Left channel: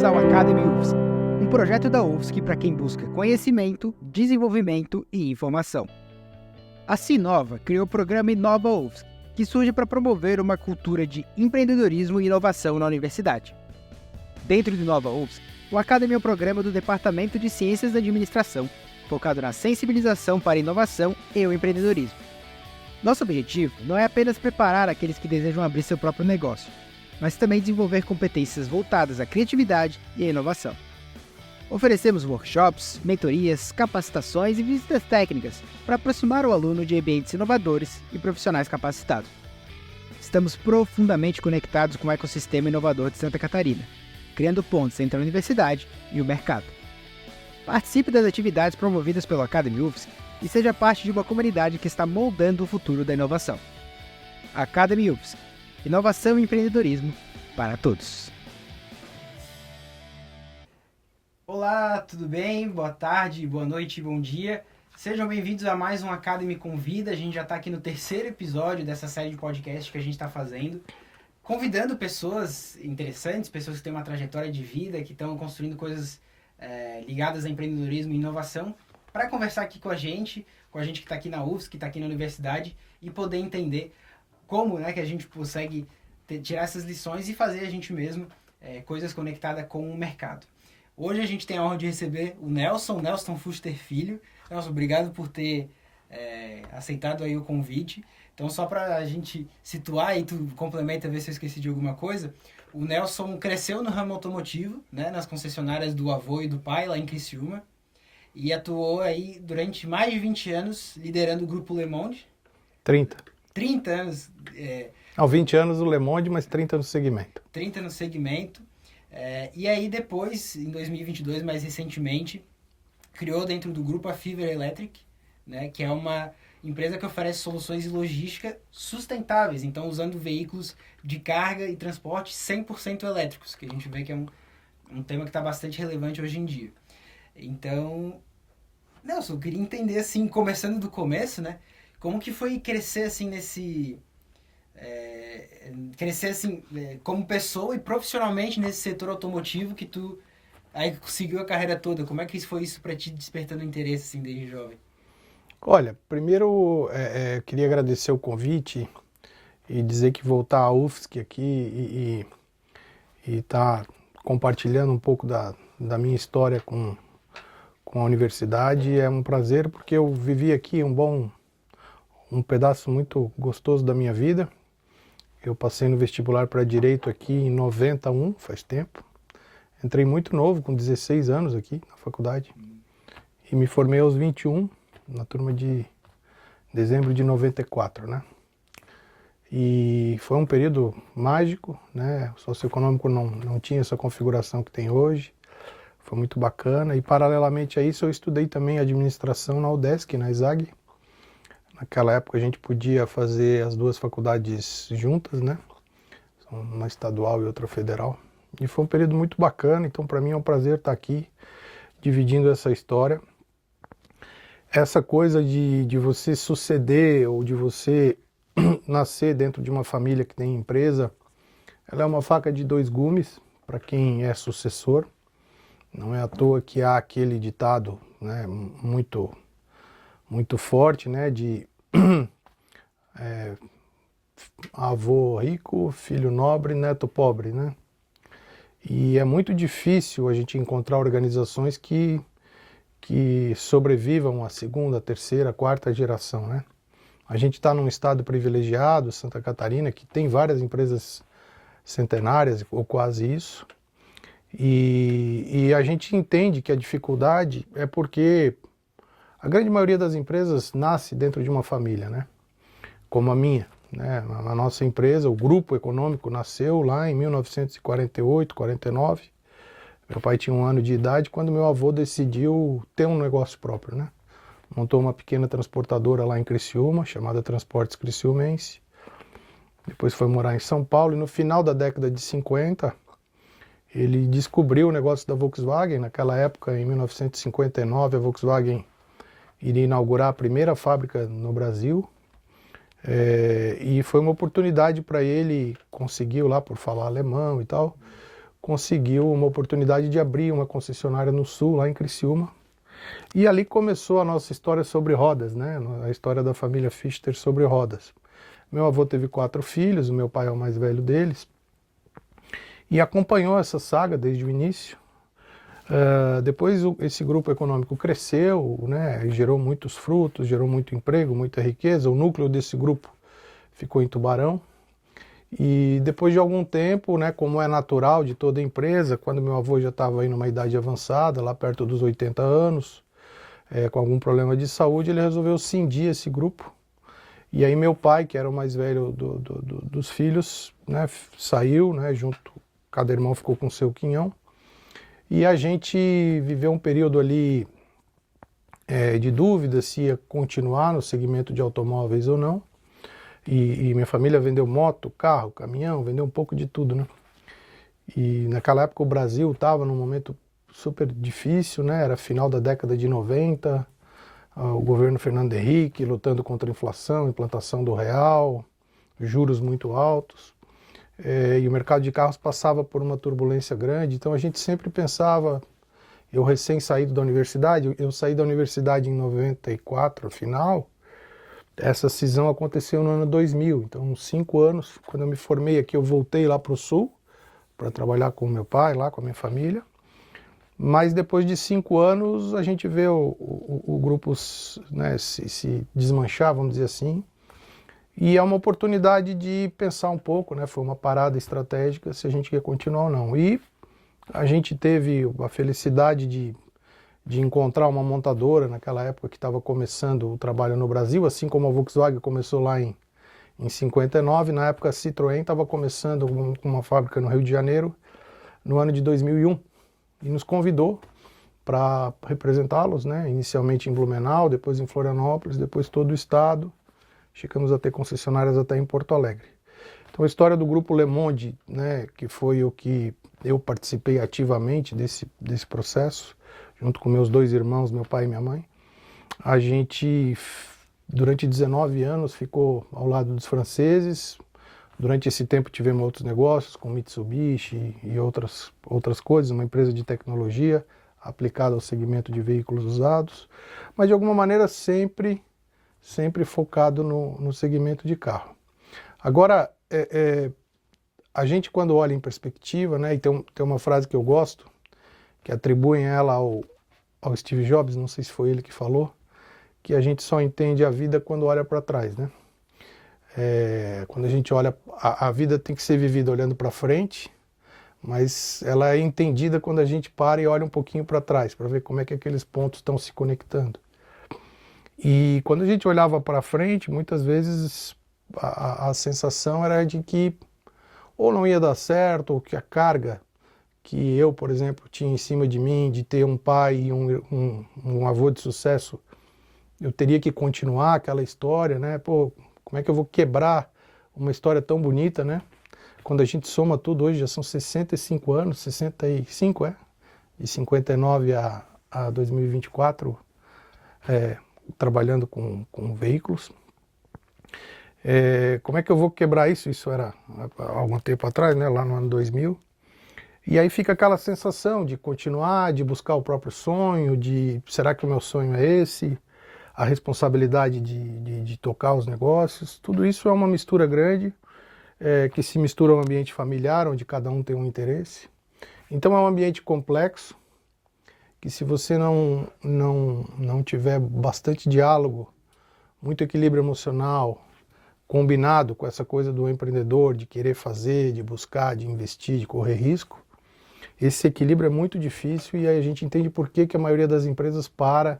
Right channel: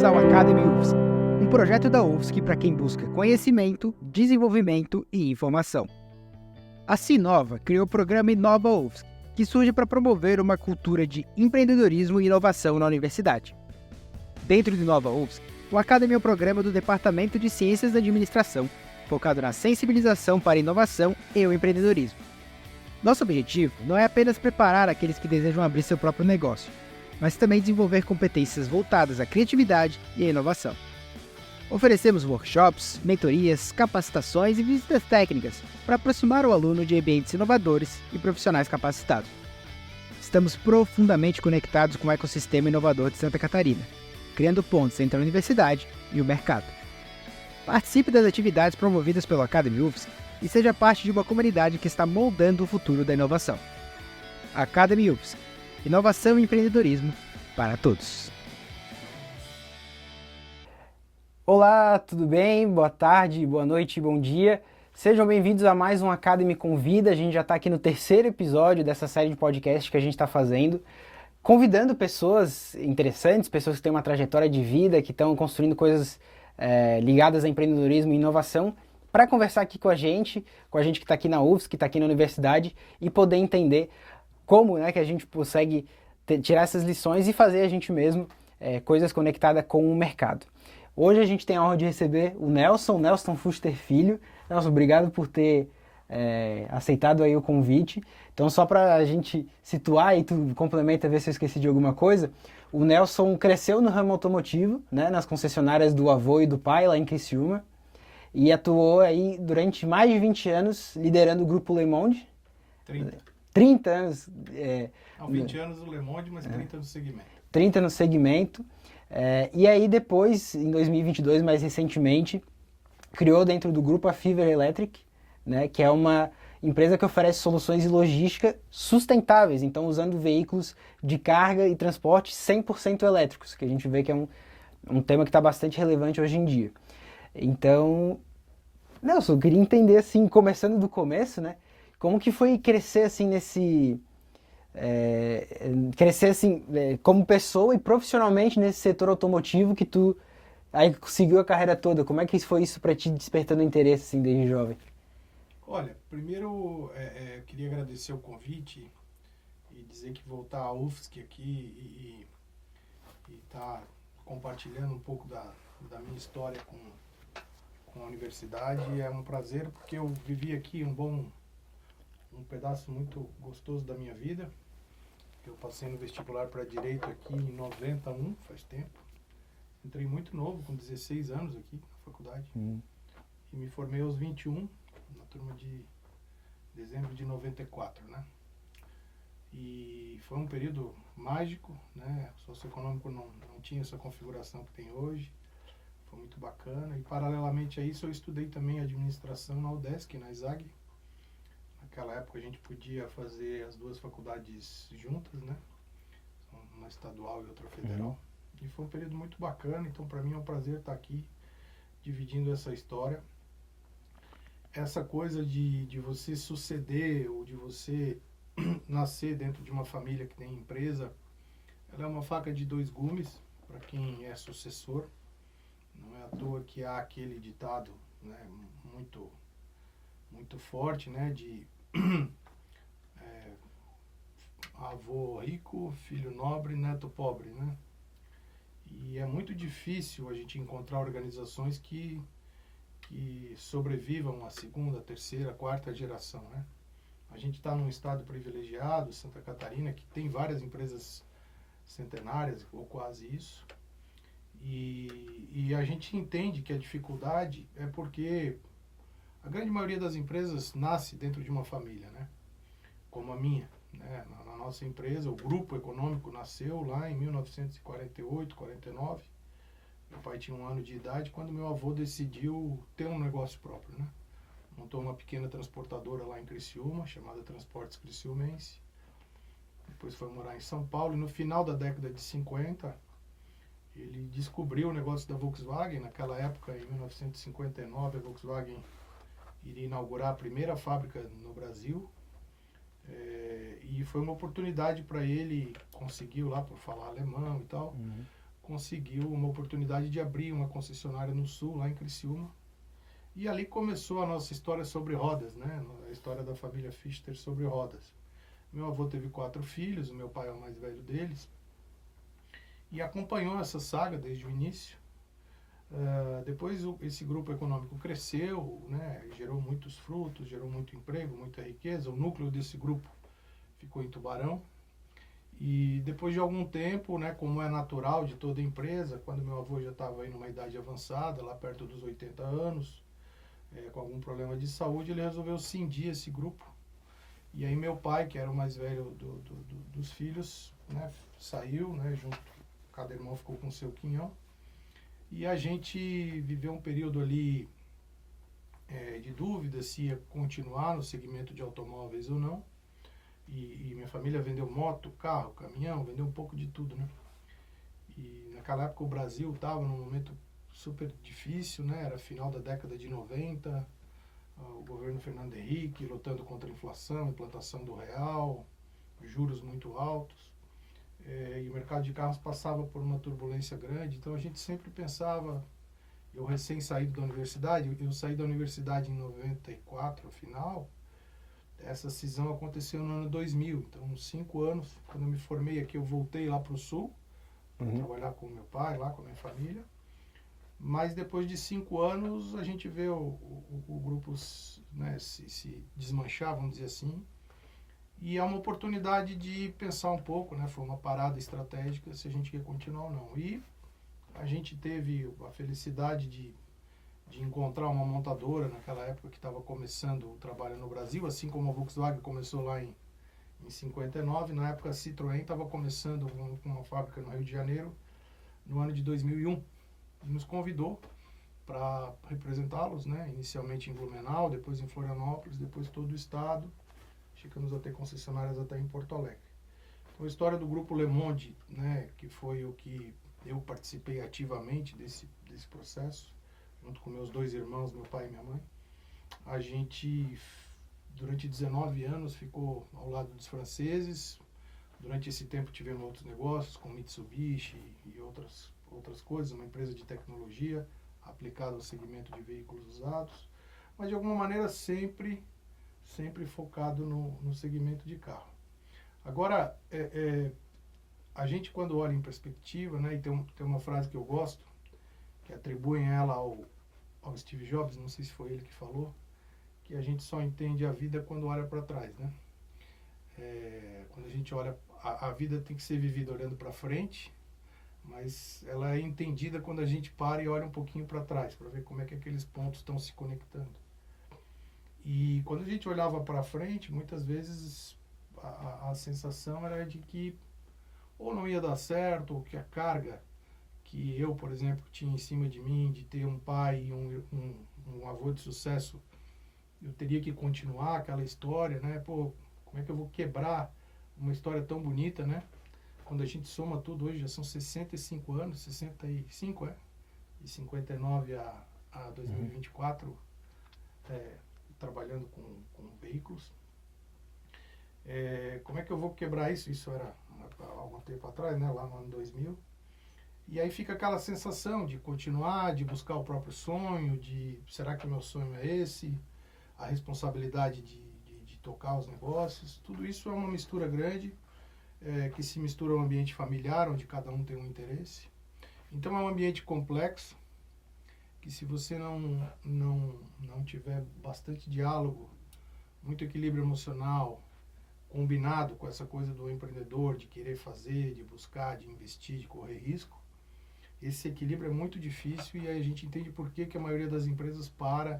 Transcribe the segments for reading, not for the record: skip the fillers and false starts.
bem-vindos ao Academy UFSC, um projeto da UFSC para quem busca conhecimento, desenvolvimento e informação. A Sinova criou o programa Inova UFSC, que surge para promover uma cultura de empreendedorismo e inovação na universidade. Dentro do Inova UFSC, o Academy é um programa do Departamento de Ciências da Administração, focado na sensibilização para a inovação e o empreendedorismo. Nosso objetivo não é apenas preparar aqueles que desejam abrir seu próprio negócio, mas também desenvolver competências voltadas à criatividade e à inovação. Oferecemos workshops, mentorias, capacitações e visitas técnicas para aproximar o aluno de ambientes inovadores e profissionais capacitados. Estamos profundamente conectados com o ecossistema inovador de Santa Catarina, criando pontes entre a universidade e o mercado. Participe das atividades promovidas pelo Academy UFSC e seja parte de uma comunidade que está moldando o futuro da inovação. Academy UFSC. Inovação e empreendedorismo para todos. Olá, tudo bem? Boa tarde, boa noite, bom dia. Sejam bem-vindos a mais um Academy Convida. A gente já está aqui no terceiro episódio dessa série de podcast que a gente está fazendo, convidando pessoas interessantes, pessoas que têm uma trajetória de vida, que estão construindo coisas ligadas a empreendedorismo e inovação, para conversar aqui com a gente que está aqui na UFSC, que está aqui na universidade, e poder entender como que a gente consegue tirar essas lições e fazer a gente mesmo coisas conectadas com o mercado. Hoje a gente tem a honra de receber o Nelson Fuster Filho. Nelson, obrigado por ter aceitado aí o convite. Então, só para a gente situar e tu complementa, ver se eu esqueci de alguma coisa, o Nelson cresceu no ramo automotivo, nas concessionárias do avô e do pai, lá em Criciúma, e atuou aí durante mais de 20 anos liderando o Grupo Le Monde. 30 anos. 20 anos no Le Monde, mas 30 no segmento. 30 no segmento. E aí depois, em 2022, mais recentemente, criou dentro do grupo a Fiver Electric, que é uma empresa que oferece soluções de logística sustentáveis, então usando veículos de carga e transporte 100% elétricos, que a gente vê que é um tema que está bastante relevante hoje em dia. Então, Nelson, eu queria entender, assim, começando do começo, como que foi crescer, assim, como pessoa e profissionalmente nesse setor automotivo que tu aí seguiu a carreira toda? Como é que foi isso para ti, despertando interesse, assim, desde jovem? Olha, primeiro eu queria agradecer o convite e dizer que voltar à UFSC aqui e estar compartilhando um pouco da minha história com a universidade é um prazer, porque eu vivi aqui um pedaço muito gostoso da minha vida. Eu passei no vestibular para Direito aqui em 91, faz tempo. Entrei muito novo, com 16 anos aqui na faculdade. E me formei aos 21, na turma de dezembro de 94, E foi um período mágico, O socioeconômico não tinha essa configuração que tem hoje. Foi muito bacana. E paralelamente a isso eu estudei também administração na UDESC, na ESAG. Naquela época a gente podia fazer as duas faculdades juntas, uma estadual e outra federal. E foi um período muito bacana, então para mim é um prazer estar aqui dividindo essa história. Essa coisa de você suceder ou de você nascer dentro de uma família que tem empresa, ela é uma faca de dois gumes para quem é sucessor. Não é à toa que há aquele ditado muito forte, de avô rico, filho nobre, neto pobre, E é muito difícil a gente encontrar organizações que sobrevivam à segunda, terceira, quarta geração, A gente está num estado privilegiado, Santa Catarina, que tem várias empresas centenárias, ou quase isso, e a gente entende que a dificuldade é porque a grande maioria das empresas nasce dentro de uma família, Como a minha, A nossa empresa, o Grupo Econômico, nasceu lá em 1948, 49. Meu pai tinha 1 ano de idade quando meu avô decidiu ter um negócio próprio, Montou uma pequena transportadora lá em Criciúma, chamada Transportes Criciumense. Depois foi morar em São Paulo e no final da década de 50, ele descobriu o negócio da Volkswagen. Naquela época, em 1959, a Volkswagen iria inaugurar a primeira fábrica no Brasil. E foi uma oportunidade para ele, conseguiu lá por falar alemão e tal, conseguiu uma oportunidade de abrir uma concessionária no Sul, lá em Criciúma. E ali começou a nossa história sobre rodas, né? A história da família Fichter sobre rodas. Meu avô teve 4 filhos, o meu pai é o mais velho deles, e acompanhou essa saga desde o início. Depois esse grupo econômico cresceu, né? E gerou muitos frutos, gerou muito emprego, muita riqueza. O núcleo desse grupo ficou em Tubarão. E depois de algum tempo, né, como é natural de toda empresa, quando meu avô já estava aí numa idade avançada, lá perto dos 80 anos, com algum problema de saúde, ele resolveu cindir esse grupo. E aí meu pai, que era o mais velho dos filhos, né, saiu, né, junto, cada irmão ficou com o seu quinhão. E a gente viveu um período ali de dúvida se ia continuar no segmento de automóveis ou não. E minha família vendeu moto, carro, caminhão, vendeu um pouco de tudo, né? E naquela época o Brasil estava num momento super difícil, né? Era final da década de 90, o governo Fernando Henrique lutando contra a inflação, implantação do real, juros muito altos. E o mercado de carros passava por uma turbulência grande, então a gente sempre pensava, eu recém saído da universidade, eu saí da universidade em 94, final. Essa cisão aconteceu no ano 2000, então uns 5 anos, quando eu me formei aqui, eu voltei lá para o Sul, para trabalhar com meu pai, lá com a minha família. Mas depois de 5 anos, a gente vê o grupo, né, se desmanchar, vamos dizer assim. E é uma oportunidade de pensar um pouco, né, foi uma parada estratégica, se a gente quer continuar ou não. E a gente teve a felicidade de encontrar uma montadora naquela época que estava começando o trabalho no Brasil, assim como a Volkswagen começou lá em 59, na época a Citroën estava começando com uma fábrica no Rio de Janeiro no ano de 2001 e nos convidou para representá-los, né? Inicialmente em Blumenau, depois em Florianópolis, depois todo o estado, chegamos a ter concessionárias até em Porto Alegre. Então a história do grupo Le Monde, né, que foi o que eu participei ativamente desse processo, junto com meus 2 irmãos, meu pai e minha mãe. A gente, durante 19 anos, ficou ao lado dos franceses. Durante esse tempo tivemos outros negócios, com Mitsubishi e outras coisas, uma empresa de tecnologia aplicada ao segmento de veículos usados, mas de alguma maneira sempre focado no segmento de carro. Agora, a gente quando olha em perspectiva, né, e tem uma frase que eu gosto, que atribuem ela ao Steve Jobs, não sei se foi ele que falou, que a gente só entende a vida quando olha para trás, né? Quando a gente olha, a vida tem que ser vivida olhando para frente, mas ela é entendida quando a gente para e olha um pouquinho para trás, para ver como é que aqueles pontos estão se conectando. E quando a gente olhava para frente, muitas vezes a sensação era de que ou não ia dar certo, ou que a carga que eu, por exemplo, tinha em cima de mim, de ter um pai e um avô de sucesso, eu teria que continuar aquela história, né? Pô, como é que eu vou quebrar uma história tão bonita, né? Quando a gente soma tudo, hoje já são 65 anos, 65, de 59 a 2024, trabalhando com veículos. Como é que eu vou quebrar isso? Isso era há algum tempo atrás, né? Lá no ano 2000. E aí fica aquela sensação de continuar, de buscar o próprio sonho, de será que o meu sonho é esse? A responsabilidade de tocar os negócios. Tudo isso é uma mistura grande, que se mistura ao ambiente familiar, onde cada um tem um interesse. Então é um ambiente complexo, que se você não tiver bastante diálogo, muito equilíbrio emocional, combinado com essa coisa do empreendedor, de querer fazer, de buscar, de investir, de correr risco, esse equilíbrio é muito difícil e aí a gente entende por que a maioria das empresas para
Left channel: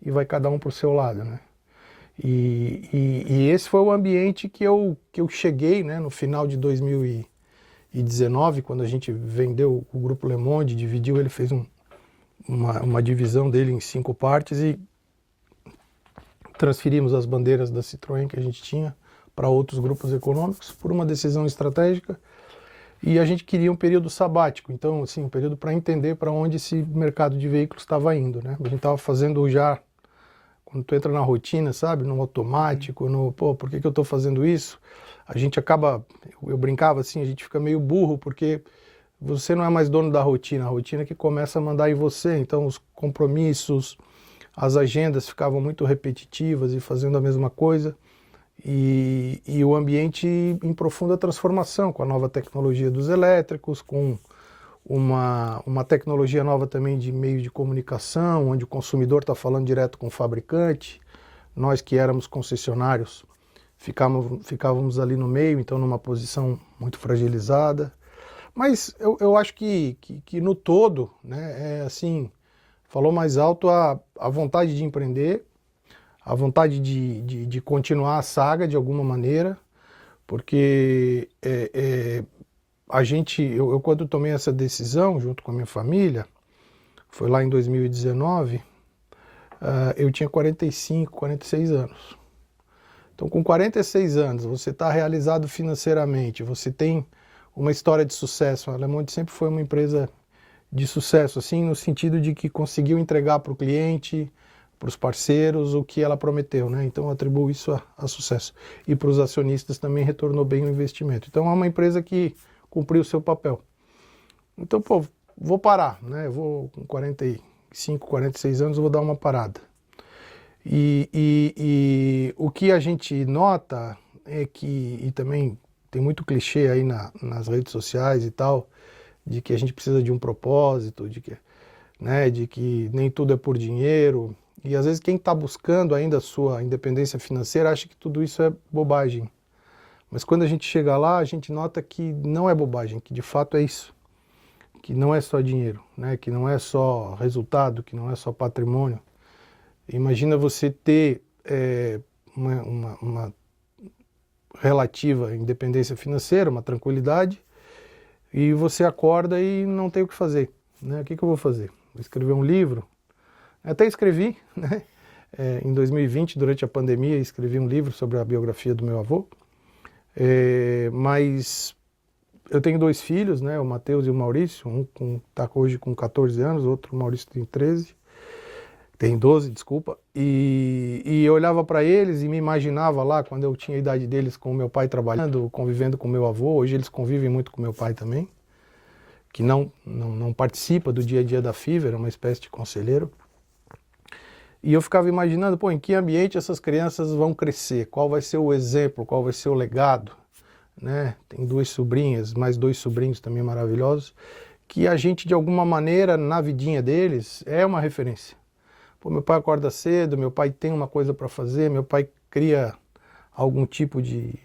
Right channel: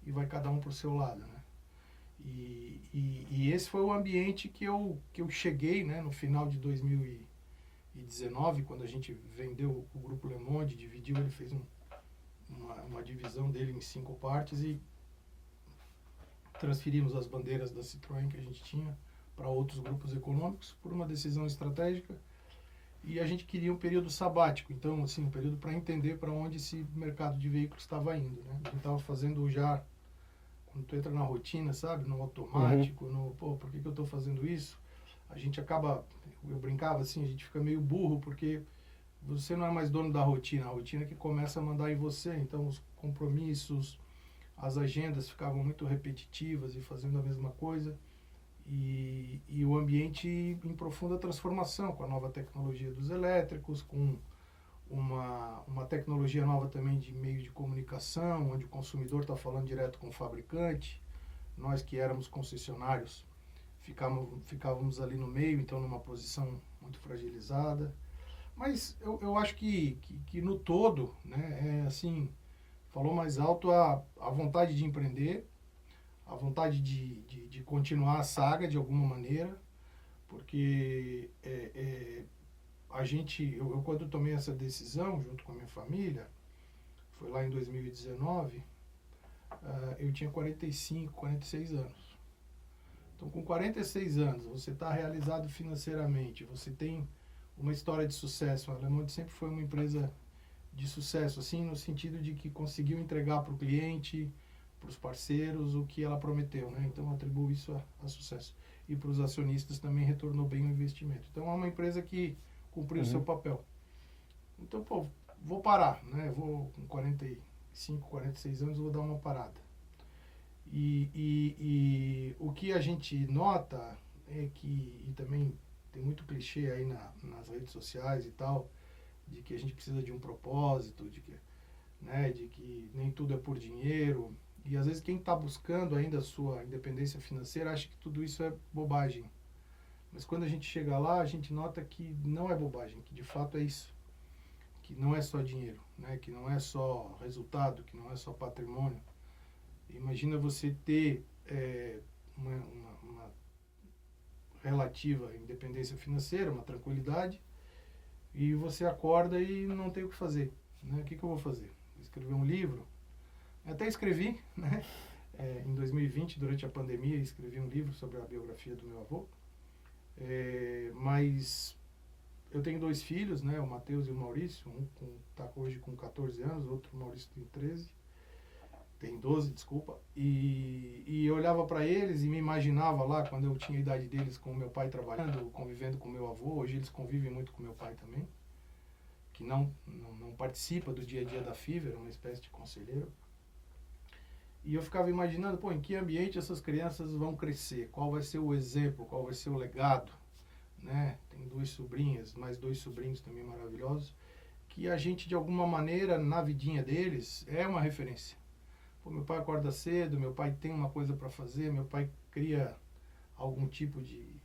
e vai cada um para o seu lado, né? E esse foi o ambiente que eu cheguei, né, no final de 2019, quando a gente vendeu o Grupo Le Monde, dividiu, ele fez uma divisão dele em 5 partes e transferimos as bandeiras da Citroën que a gente tinha para outros grupos econômicos por uma decisão estratégica. E a gente queria um período sabático, então, assim, um período para entender para onde esse mercado de veículos estava indo, né? A gente estava fazendo já, quando tu entra na rotina, sabe, no automático, por que eu estou fazendo isso? A gente acaba, eu brincava assim, a gente fica meio burro, porque você não é mais dono da rotina, a rotina que começa a mandar em você, então os compromissos, as agendas ficavam muito repetitivas e fazendo a mesma coisa, e o ambiente em profunda transformação, com a nova tecnologia dos elétricos, com uma tecnologia nova também de meio de comunicação, onde o consumidor está falando direto com o fabricante, nós que éramos concessionários ficávamos ali no meio, então numa posição muito fragilizada. Mas eu acho que no todo, né, assim, falou mais alto a vontade de empreender, a vontade de continuar a saga de alguma maneira, porque eu quando tomei essa decisão, junto com a minha família, foi lá em 2019, eu tinha 45, 46 anos. Então, com 46 anos, você está realizado financeiramente, você tem uma história de sucesso. A Le Monde sempre foi uma empresa de sucesso, assim, no sentido de que conseguiu entregar para o cliente, para os parceiros, o que ela prometeu, né? Então, eu atribuo isso a sucesso. E para os acionistas também retornou bem o investimento. Então, é uma empresa que cumpriu o seu papel. Então, pô, vou parar, né? Vou com 45, 46 anos, eu vou dar uma parada. E o que a gente nota é que, e também tem muito clichê aí nas redes sociais e tal, de que a gente precisa de um propósito, de que nem tudo é por dinheiro. E às vezes quem está buscando ainda a sua independência financeira acha que tudo isso é bobagem. Mas quando a gente chega lá, a gente nota que não é bobagem, que de fato é isso. Que não é só dinheiro, né? Que não é só resultado, que não é só patrimônio. Imagina você ter uma relativa independência financeira, uma tranquilidade, e você acorda e não tem o que fazer, né? O que eu vou fazer? Vou escrever um livro? Até escrevi, né? Em 2020, durante a pandemia, escrevi um livro sobre a biografia do meu avô, mas eu tenho 2 filhos, né? O Matheus e o Maurício, um está hoje com 14 anos, o outro, o Maurício, tem 12, desculpa, e eu olhava para eles e me imaginava lá, quando eu tinha a idade deles, com o meu pai trabalhando, convivendo com o meu avô. Hoje eles convivem muito com meu pai também, que não participa do dia a dia da Fiverr, é uma espécie de conselheiro. E eu ficava imaginando, pô, em que ambiente essas crianças vão crescer, qual vai ser o exemplo, qual vai ser o legado, né? Tem 2 sobrinhas, mais 2 sobrinhos também maravilhosos, que a gente, de alguma maneira, na vidinha deles, é uma referência. Pô, meu pai acorda cedo, meu pai tem uma coisa para fazer, meu pai cria algum tipo de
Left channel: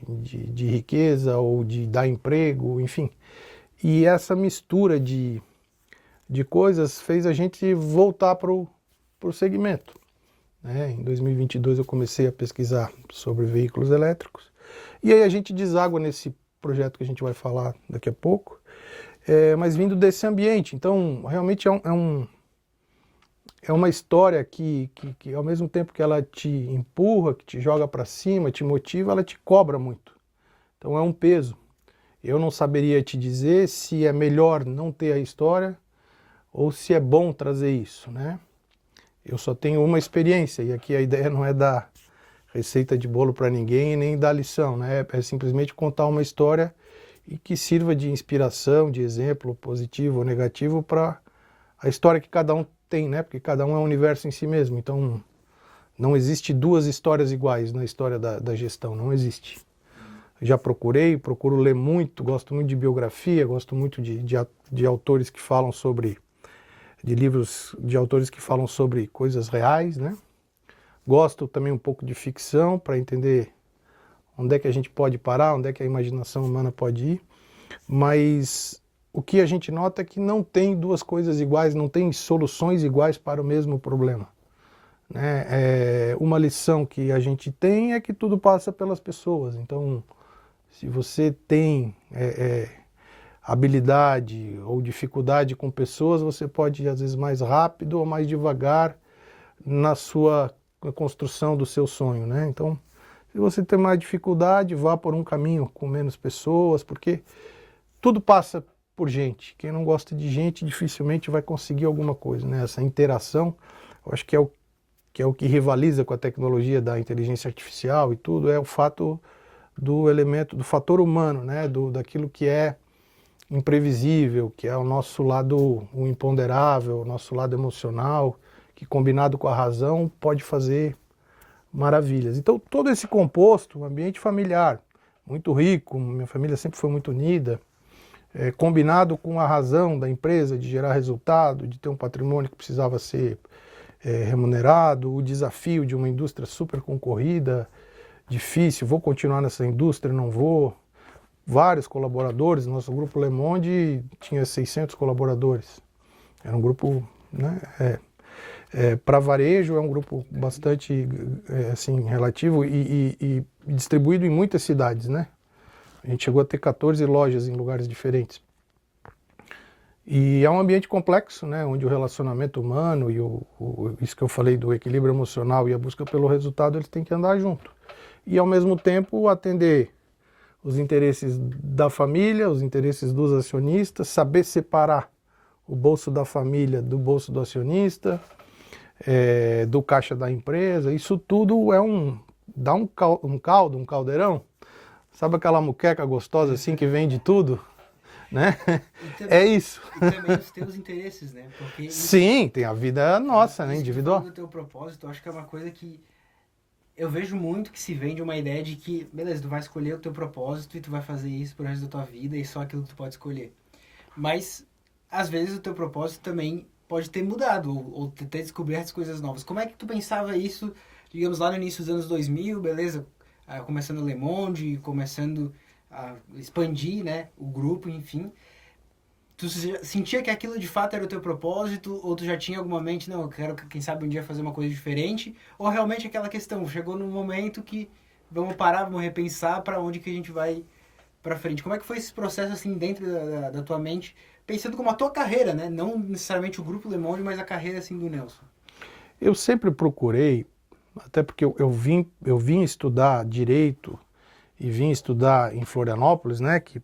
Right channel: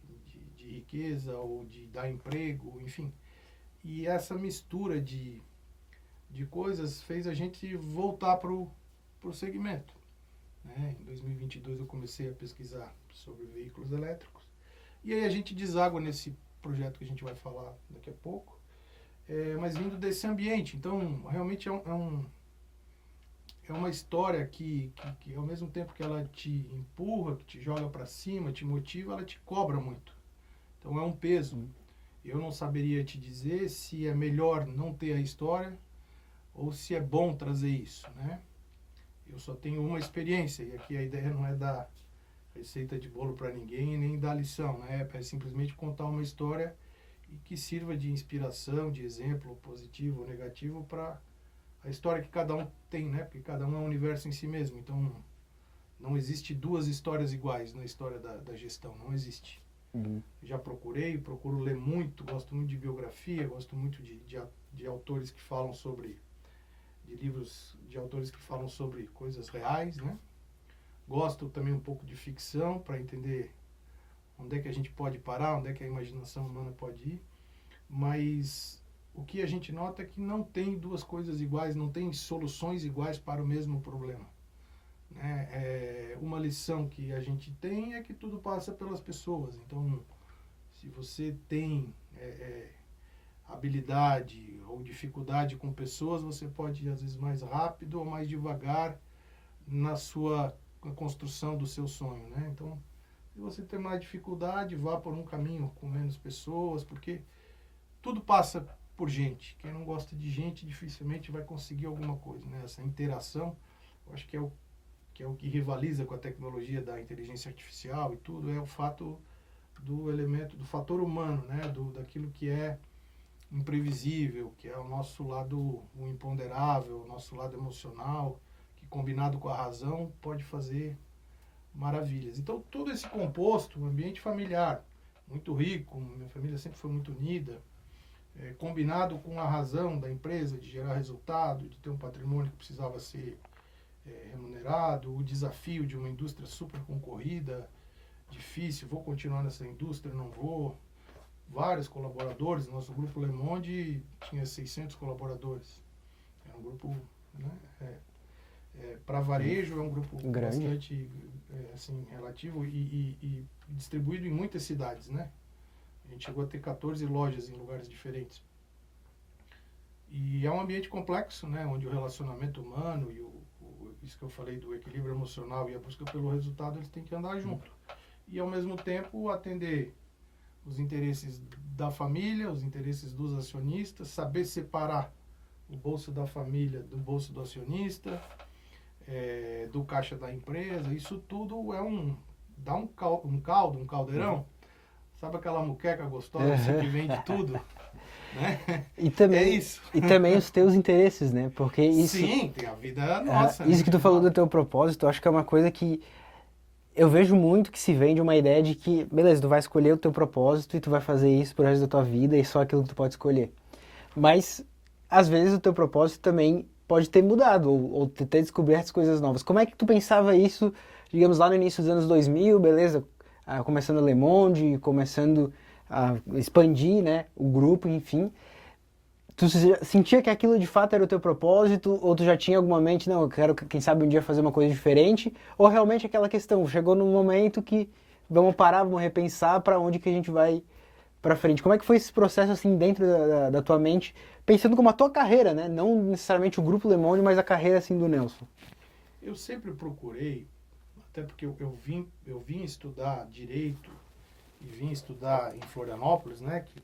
riqueza ou de dar emprego, enfim. E essa mistura de coisas fez a gente voltar para o segmento, né? Em 2022 eu comecei a pesquisar sobre veículos elétricos, e aí a gente deságua nesse projeto que a gente vai falar daqui a pouco, mas vindo desse ambiente. Então, realmente é uma história que ao mesmo tempo que ela te empurra, que te joga para cima, te motiva, ela te cobra muito. Então é um peso. Eu não saberia te dizer se é melhor não ter a história ou se é bom trazer isso, né? Eu só tenho uma experiência, e aqui a ideia não é dar receita de bolo para ninguém nem dar lição, né? É simplesmente contar uma história e que sirva de inspiração, de exemplo positivo ou negativo para a história que cada um tem, né? Porque cada um é um universo em si mesmo. Então, não existe 2 histórias iguais na história da gestão, não existe. Já procuro ler muito, gosto muito de biografia, gosto muito de autores que falam sobre, de livros de autores que falam sobre coisas reais, né? Gosto também um pouco de ficção, para entender onde é que a gente pode parar, onde é que a imaginação humana pode ir, mas o que a gente nota é que não tem 2 coisas iguais, não tem soluções iguais para o mesmo problema, né? Uma lição que a gente tem é que tudo passa pelas pessoas. Então, se você tem habilidade ou dificuldade com pessoas, você pode ir às vezes mais rápido ou mais devagar na construção do seu sonho, né? Então, se você tem mais dificuldade, vá por um caminho com menos pessoas, porque tudo passa por gente. Quem não gosta de gente dificilmente vai conseguir alguma coisa, né? Essa interação, eu acho que é o que rivaliza com a tecnologia da inteligência artificial e tudo, é o fato do elemento, do fator humano, né? Daquilo que é imprevisível, que é o nosso lado o imponderável, o nosso lado emocional, que combinado com a razão pode fazer maravilhas. Então todo esse composto, um ambiente familiar muito rico, minha família sempre foi muito unida, combinado com a razão da empresa de gerar resultado, de ter um patrimônio que precisava ser remunerado, o desafio de uma indústria super concorrida, difícil, vou continuar nessa indústria, não vou. Vários colaboradores, nosso grupo Le Monde tinha 600 colaboradores. Era um grupo, né, para varejo é um grupo grande, bastante assim, relativo e distribuído em muitas cidades, né? A gente chegou a ter 14 lojas em lugares diferentes. E é um ambiente complexo, né, onde o relacionamento humano e isso que eu falei do equilíbrio emocional e a busca pelo resultado, eles têm que andar junto. E ao mesmo tempo atender os interesses da família, os interesses dos acionistas, saber separar o bolso da família do bolso do acionista, do caixa da empresa. Isso tudo dá um caldo, um caldeirão. Sabe aquela muqueca gostosa assim que vem de tudo? Né? Também, é isso. E também os teus interesses, né? Porque isso, sim, tem a vida nossa, né? Isso que tu falou do teu propósito, eu acho que é uma coisa que eu vejo muito que se vende uma ideia de que, beleza, tu vai escolher o teu propósito e tu vai fazer isso pro resto da tua vida e só aquilo que tu pode escolher. Mas, às vezes, o teu propósito também pode ter mudado ou ter descoberto coisas novas. Como é que tu pensava isso, digamos, lá no início dos anos 2000, beleza? Começando Le Monde, começando a expandir, né, o grupo, enfim. Tu sentia que aquilo de fato era o teu propósito? Ou tu já tinha alguma mente, não, eu quero, quem sabe, um dia fazer uma coisa diferente? Ou realmente aquela questão, chegou num momento que vamos parar, vamos repensar para onde que a gente vai para frente? Como é que foi esse processo, assim, dentro da tua mente, pensando como a tua carreira, né? Não necessariamente o Grupo Le Monde, mas a carreira, assim, do Nelson. Eu sempre procurei, até porque eu vim estudar Direito e vim estudar em Florianópolis, né, que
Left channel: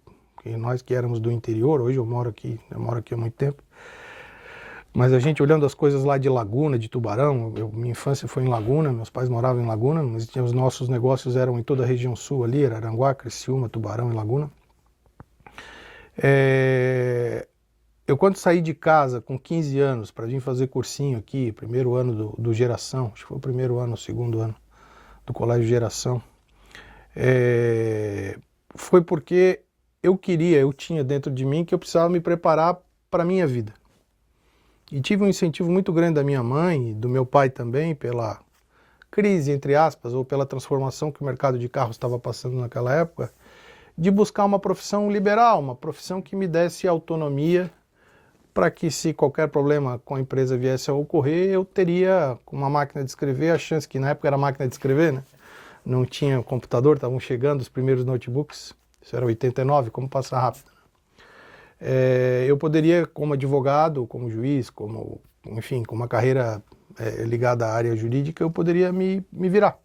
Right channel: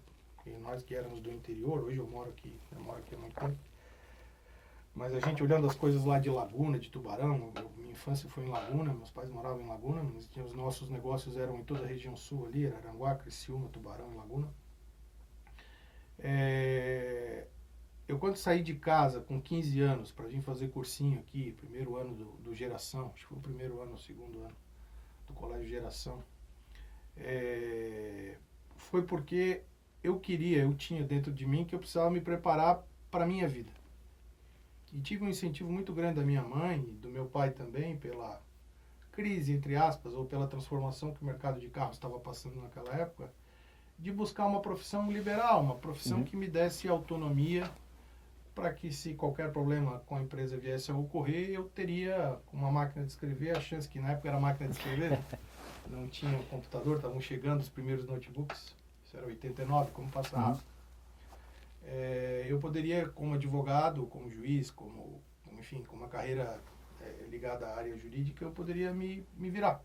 nós que éramos do interior, hoje eu moro aqui há muito tempo, mas a gente olhando as coisas lá de Laguna, de Tubarão, minha infância foi em Laguna, meus pais moravam em Laguna, mas os nossos negócios eram em toda a região sul ali, Araranguá, Criciúma, Tubarão e Laguna. Eu quando saí de casa com 15 anos para vir fazer cursinho aqui, primeiro ano do Geração, acho que foi o primeiro ano, o segundo ano do Colégio Geração, foi porque eu tinha dentro de mim que eu precisava me preparar para a minha vida. E tive um incentivo muito grande da minha mãe e do meu pai também, pela crise, entre aspas, ou pela transformação que o mercado de carros estava passando naquela época, de buscar uma profissão liberal, uma profissão que me desse autonomia para que, se qualquer problema com a empresa viesse a ocorrer, eu teria, com uma máquina de escrever, a chance, que na época era máquina de escrever, né? Não tinha computador, estavam chegando os primeiros notebooks, isso era 89, como passa rápido. Eu poderia, como advogado, como juiz, enfim, com uma carreira ligada à área jurídica, eu poderia me virar.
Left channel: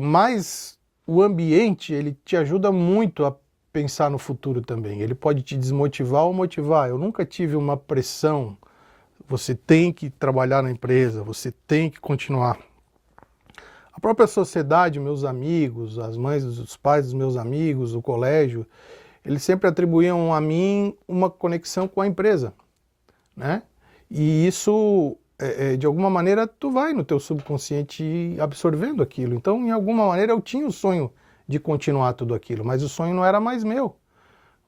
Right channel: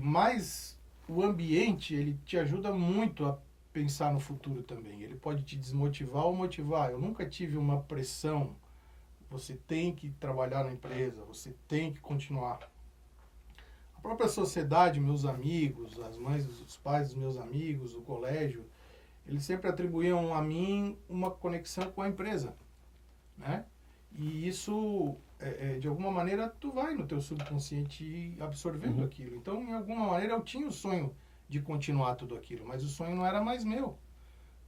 Mas o ambiente, ele te ajuda muito a pensar no futuro também. Ele pode te desmotivar ou motivar. Eu nunca tive uma pressão, você tem que trabalhar na empresa, você tem que continuar. A própria sociedade, meus amigos, as mães, os pais dos meus amigos, o colégio, eles sempre atribuíam a mim uma conexão com a empresa, né? E isso, de alguma maneira, tu vai no teu subconsciente absorvendo aquilo. Então, em alguma maneira, eu tinha o sonho de continuar tudo aquilo, mas o sonho não era mais meu.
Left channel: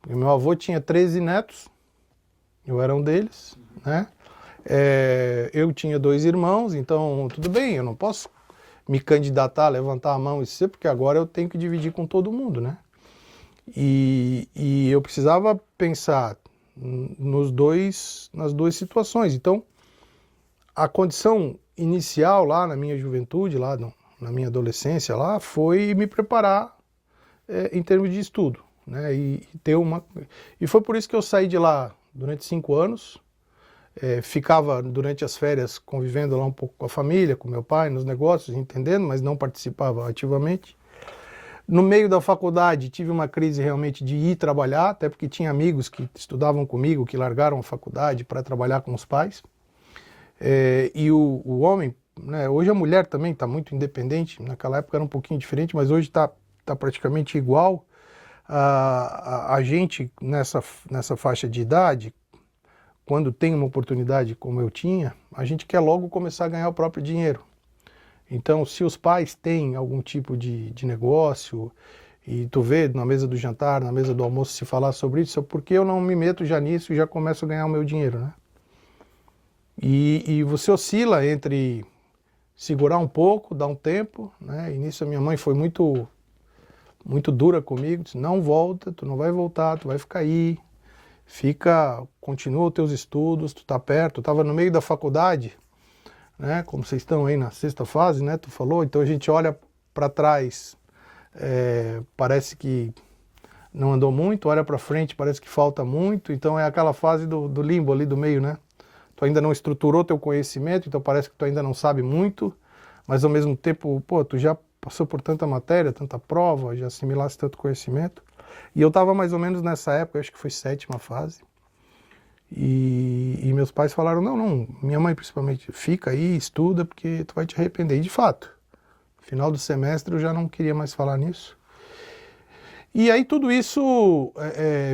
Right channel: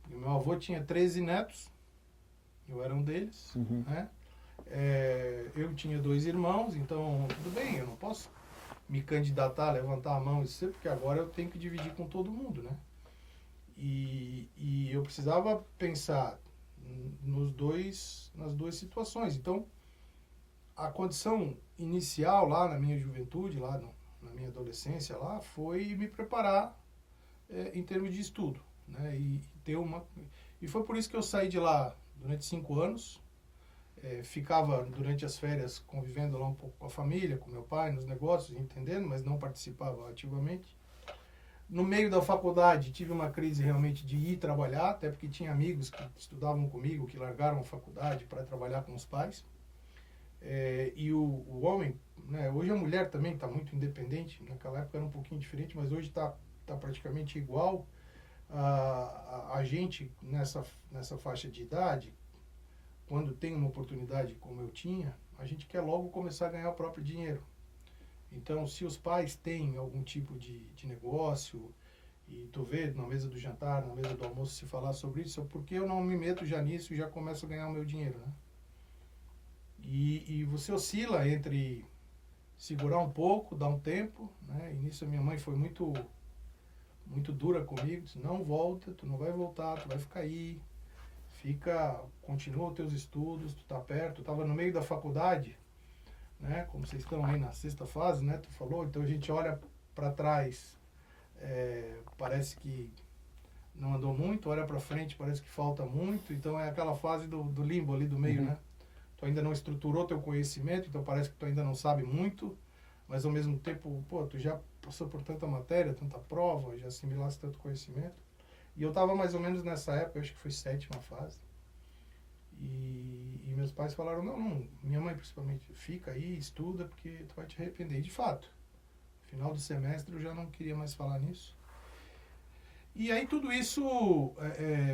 Porque meu avô tinha 13 netos, eu era um deles, né? Eu tinha 2 irmãos, então tudo bem, eu não posso me candidatar, levantar a mão e ser, porque agora eu tenho que dividir com todo mundo, né? E eu precisava pensar nas duas situações. Então, a condição inicial lá na minha juventude, lá na minha adolescência, lá, foi me preparar em termos de estudo, né? E foi por isso que eu saí de lá durante 5 anos. Ficava durante as férias convivendo lá um pouco com a família, com meu pai, nos negócios, entendendo, mas não participava ativamente. No meio da faculdade tive uma crise realmente de ir trabalhar, até porque tinha amigos que estudavam comigo, que largaram a faculdade para trabalhar com os pais. E o homem, né, hoje a mulher também está muito independente, naquela época era um pouquinho diferente, mas hoje está praticamente igual. a gente nessa faixa de idade, quando tem uma oportunidade como eu tinha, a gente quer logo começar a ganhar o próprio dinheiro. Então, se os pais têm algum tipo de negócio, e tu vê na mesa do jantar, na mesa do almoço se falar sobre isso, por que eu não me meto já nisso e já começo a ganhar o meu dinheiro, né? E você oscila entre segurar um pouco, dar um tempo, né? E nisso a minha mãe foi muito dura comigo, disse, não volta, tu não vai voltar, tu vai ficar aí, continua os teus estudos, tu tá perto, tu tava no meio da faculdade, né? Como vocês estão aí na 6ª fase, né? Tu falou, então a gente olha para trás, parece que não andou muito, olha para frente, parece que falta muito, então é aquela fase do limbo ali do meio, né? Tu ainda não estruturou teu conhecimento, então parece que tu ainda não sabe muito, mas ao mesmo tempo, pô, tu já passou por tanta matéria, tanta prova, já assimilaste tanto conhecimento. E eu estava mais ou menos nessa época, acho que foi 7ª fase. E meus pais falaram, não, minha mãe principalmente, fica aí, estuda, porque tu vai te arrepender. E de fato, no final do semestre eu já não queria mais falar nisso. E aí tudo isso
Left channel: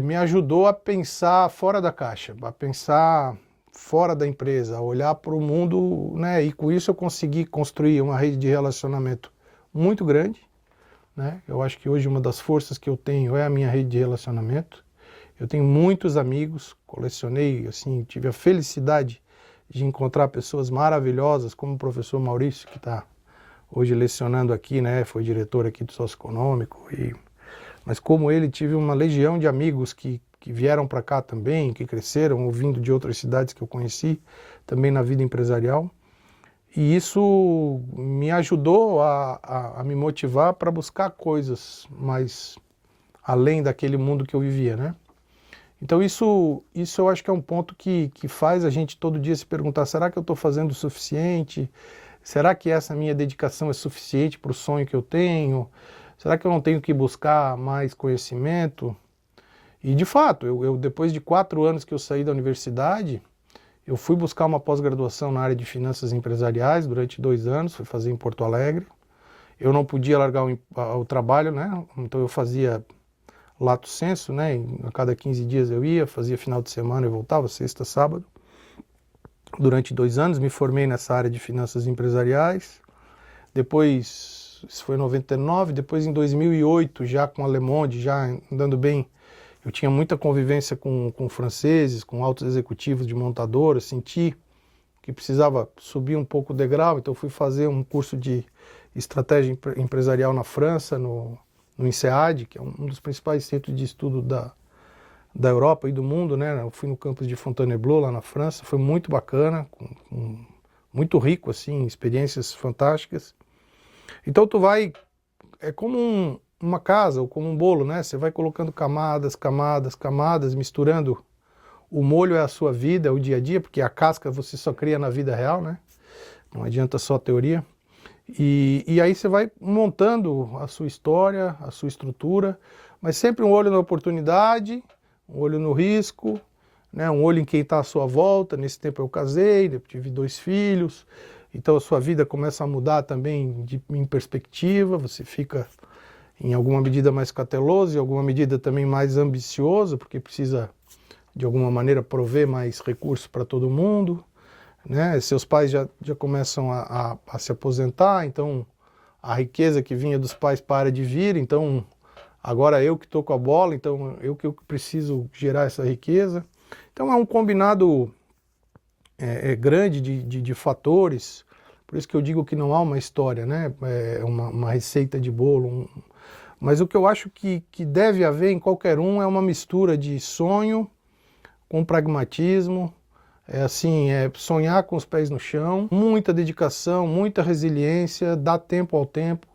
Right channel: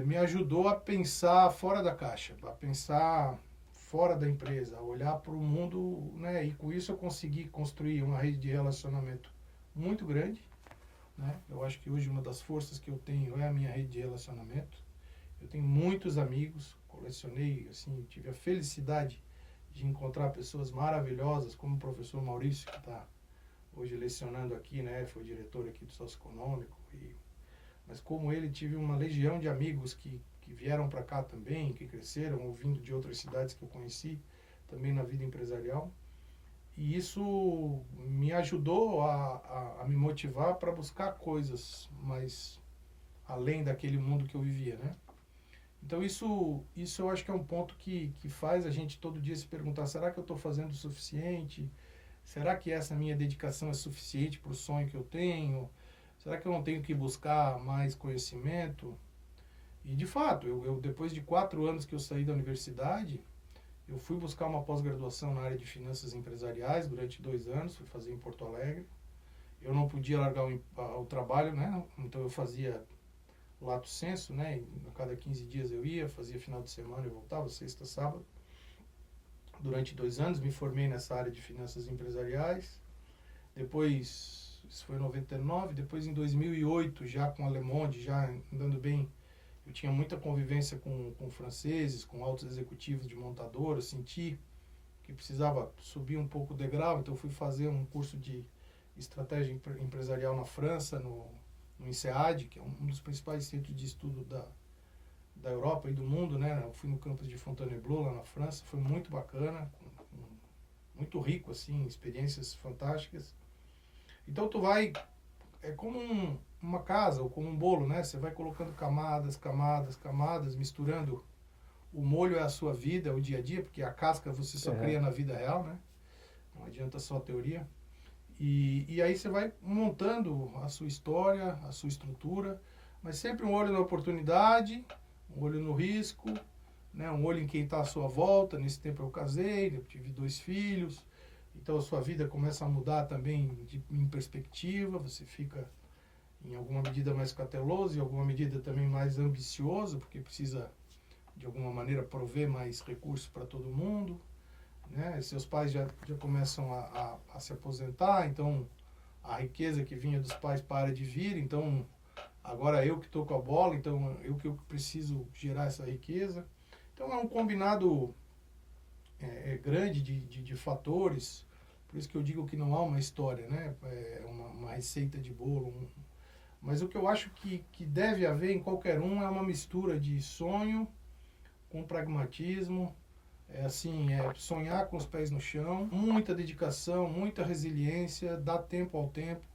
me ajudou a pensar fora da caixa, a pensar fora da empresa, a olhar para o mundo, né? E com isso eu consegui construir uma rede de relacionamento muito grande, né? Eu acho que hoje uma das forças que eu tenho é a minha rede de relacionamento. Eu tenho muitos amigos, colecionei, assim, tive a felicidade de encontrar pessoas maravilhosas, como o professor Maurício, que está hoje lecionando aqui, né? Foi diretor aqui do Socioeconômico. Mas como ele, tive uma legião de amigos que vieram para cá também, que cresceram, ouvindo de outras cidades que eu conheci, também na vida empresarial. E isso me ajudou a me motivar para buscar coisas mais além daquele mundo que eu vivia, né? Então isso eu acho que é um ponto que faz a gente todo dia se perguntar, será que eu estou fazendo o suficiente? Será que essa minha dedicação é suficiente para o sonho que eu tenho? Será que eu não tenho que buscar mais conhecimento? E de fato, eu depois de 4 anos que eu saí da universidade, eu fui buscar uma pós-graduação na área de finanças empresariais durante 2 anos, fui fazer em Porto Alegre. Eu não podia largar o trabalho, né? Então eu fazia lato sensu, né? A cada 15 dias eu ia, fazia final de semana e voltava, sexta, sábado. Durante 2 anos me formei nessa área de finanças empresariais. Depois, isso foi em 99, depois em 2008, já com a Le Monde, já andando bem, eu tinha muita convivência com franceses, com altos executivos de montadoras, senti que precisava subir um pouco o degrau, então fui fazer um curso de estratégia empresarial na França, no INSEAD, que é um dos principais centros de estudo da Europa e do mundo, né? Eu fui no campus de Fontainebleau, lá na França, foi muito bacana, muito rico, assim, experiências fantásticas. Então tu vai, é como uma casa ou como um bolo, né? Você vai colocando camadas, camadas, camadas, misturando. O molho é a sua vida, é o dia a dia, porque a casca você só cria na vida real, né? Não adianta só teoria. E aí você vai montando a sua história, a sua estrutura, mas sempre um olho na oportunidade, um olho no risco, né? Um olho em quem está à sua volta. Nesse tempo eu casei, tive 2 filhos, então a sua vida começa a mudar também em perspectiva, você fica em alguma medida mais cauteloso, em alguma medida também mais ambicioso, porque precisa de alguma maneira prover mais recursos para todo mundo, né? Seus pais já começam a se aposentar, então a riqueza que vinha dos pais para de vir, então agora eu que estou com a bola, então eu que preciso gerar essa riqueza. Então é um combinado grande de fatores, por isso que eu digo que não há uma história, né? É uma receita de bolo, mas o que eu acho que deve haver em qualquer um é uma mistura de sonho com pragmatismo, sonhar com os pés no chão, muita dedicação, muita resiliência, dar tempo ao tempo.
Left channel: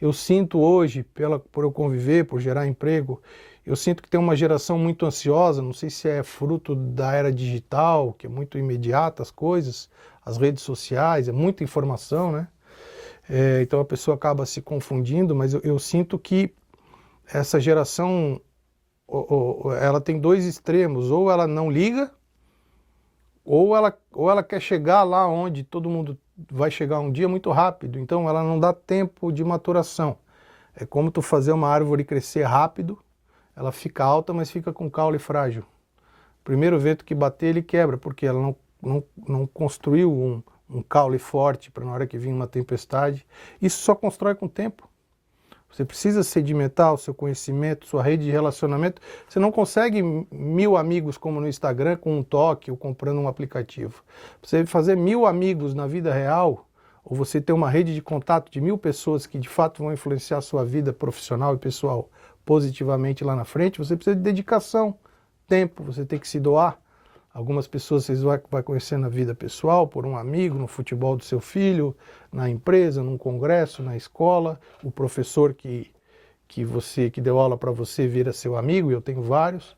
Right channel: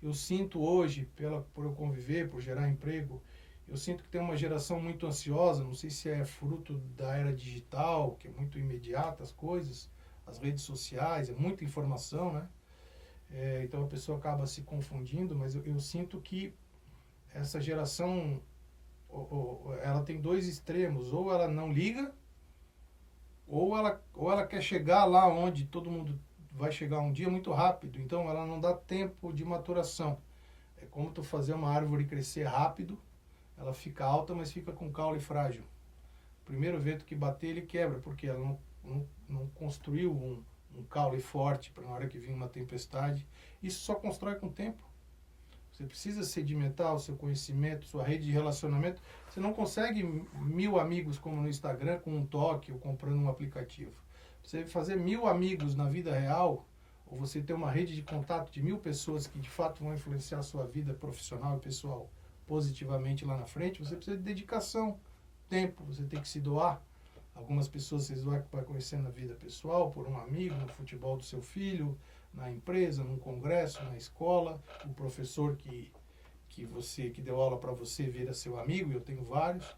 Eu sinto hoje, por eu conviver, por gerar emprego, eu sinto que tem uma geração muito ansiosa, não sei se é fruto da era digital, que é muito imediata as coisas, as redes sociais, é muita informação, né? Então a pessoa acaba se confundindo, mas eu sinto que essa geração, ela tem 2 extremos, ou ela não liga, ou ela quer chegar lá onde todo mundo vai chegar um dia muito rápido, então ela não dá tempo de maturação. É como tu fazer uma árvore crescer rápido, ela fica alta, mas fica com caule frágil. Primeiro vento que bater, ele quebra, porque ela não construiu um caule forte para na hora que vir uma tempestade. Isso só constrói com o tempo. Você precisa sedimentar o seu conhecimento, sua rede de relacionamento. Você não consegue 1000 amigos como no Instagram com um toque ou comprando um aplicativo. Você fazer 1000 amigos na vida real, ou você ter uma rede de contato de 1000 pessoas que de fato vão influenciar a sua vida profissional e pessoal positivamente lá na frente, você precisa de dedicação, tempo, você tem que se doar. Algumas pessoas vocês vão conhecer na vida pessoal, por um amigo, no futebol do seu filho, na empresa, num congresso, na escola, o professor que deu aula para você vira seu amigo, e eu tenho vários,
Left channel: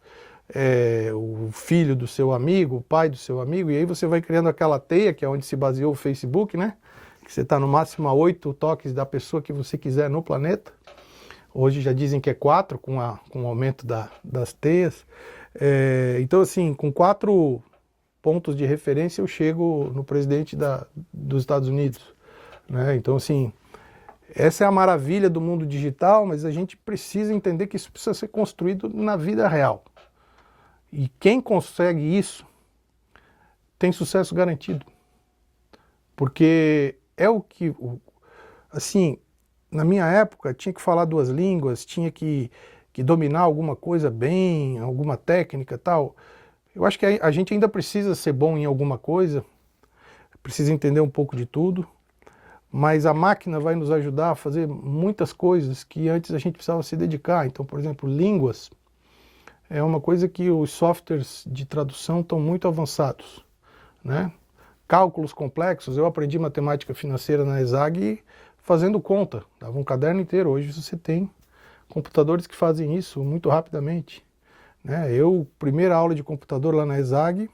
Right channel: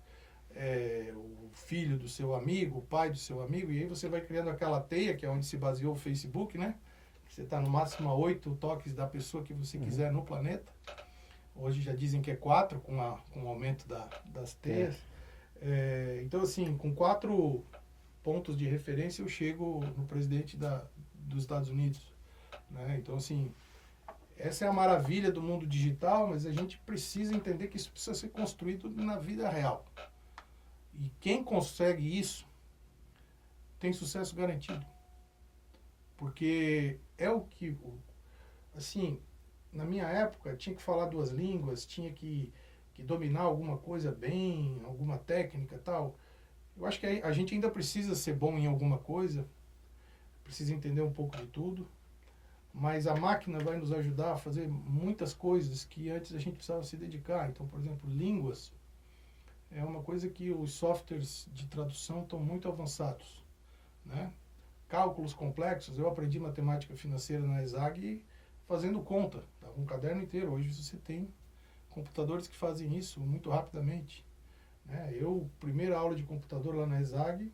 o filho do seu amigo, o pai do seu amigo, e aí você vai criando aquela teia, que é onde se baseou o Facebook, né? Que você está no máximo a 8 toques da pessoa que você quiser no planeta. Hoje já dizem que é 4, com o aumento das teias. Então, assim, com 4 pontos de referência eu chego no presidente dos Estados Unidos, né? Então, assim, essa é a maravilha do mundo digital, mas a gente precisa entender que isso precisa ser construído na vida real. E quem consegue isso tem sucesso garantido. Porque é o que, assim, na minha época tinha que falar 2 línguas, tinha que dominar alguma coisa bem, alguma técnica e tal. Eu acho que a gente ainda precisa ser bom em alguma coisa, precisa entender um pouco de tudo, mas a máquina vai nos ajudar a fazer muitas coisas que antes a gente precisava se dedicar. Então, por exemplo, línguas é uma coisa que os softwares de tradução estão muito avançados, né? Cálculos complexos, eu aprendi matemática financeira na ESAG fazendo conta, dava um caderno inteiro. Hoje você tem computadores que fazem isso muito rapidamente, né? Primeira aula de computador lá na ESAG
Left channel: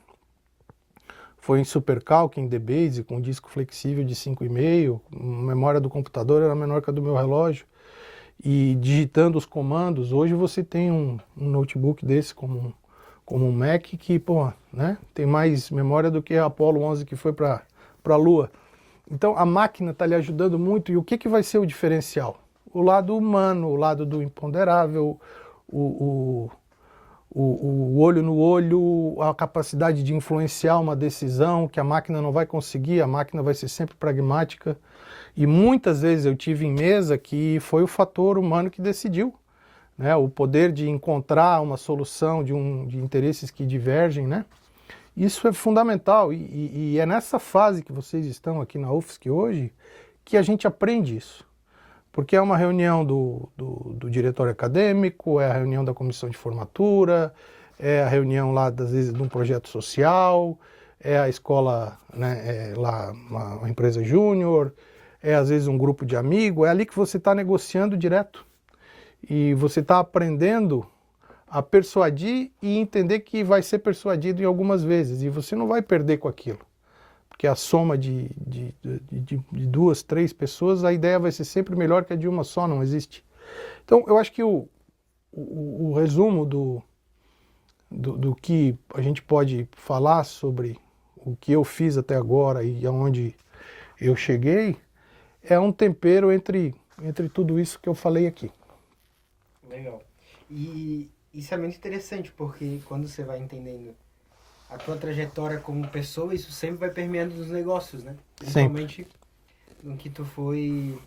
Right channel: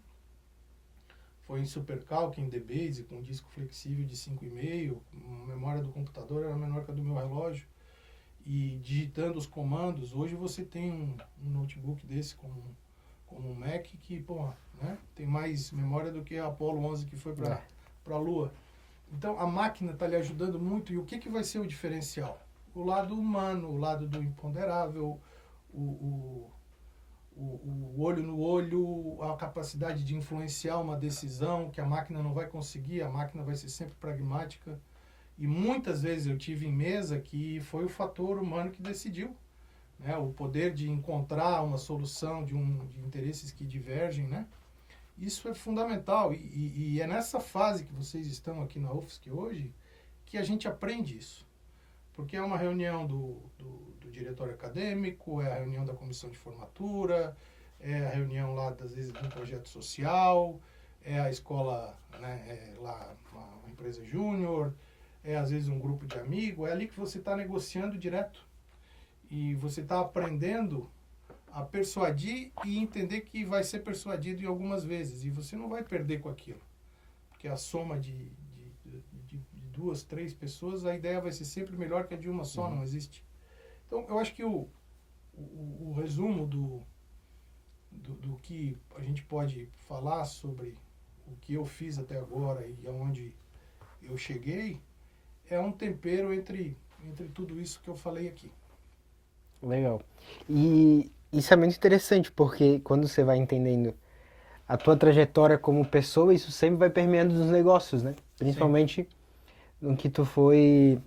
foi em SuperCalc, em DBase, com disco flexível de 5,5, a memória do computador era menor que a do meu relógio, e digitando os comandos. Hoje você tem um notebook desse como um Mac que, pô, né, tem mais memória do que a Apollo 11 que foi para a Lua. Então a máquina está lhe ajudando muito, e o que vai ser o diferencial? O lado humano, o lado do imponderável, o olho no olho, a capacidade de influenciar uma decisão que a máquina não vai conseguir, a máquina vai ser sempre pragmática. E muitas vezes eu tive em mesa que foi o fator humano que decidiu, né? O poder de encontrar uma solução de interesses que divergem, né? Isso é fundamental, e é nessa fase que vocês estão aqui na UFSC hoje que a gente aprende isso. Porque é uma reunião do diretório acadêmico, é a reunião da comissão de formatura, é a reunião lá, às vezes, de um projeto social, é a escola, né, lá uma empresa júnior, é às vezes um grupo de amigos, é ali que você está negociando direto. E você está aprendendo a persuadir e entender que vai ser persuadido em algumas vezes, e você não vai perder com aquilo. Porque a soma de 2, 3 pessoas, a ideia vai ser sempre melhor que a de uma só, não existe. Então, eu acho que o resumo do que a gente pode falar sobre o que eu fiz até agora e aonde eu cheguei, é um tempero entre tudo isso que eu falei aqui. Legal. E isso é muito interessante, porque quando você vai entendendo a tua trajetória como pessoa, isso sempre vai permeando nos negócios, né? Principalmente no que tu foi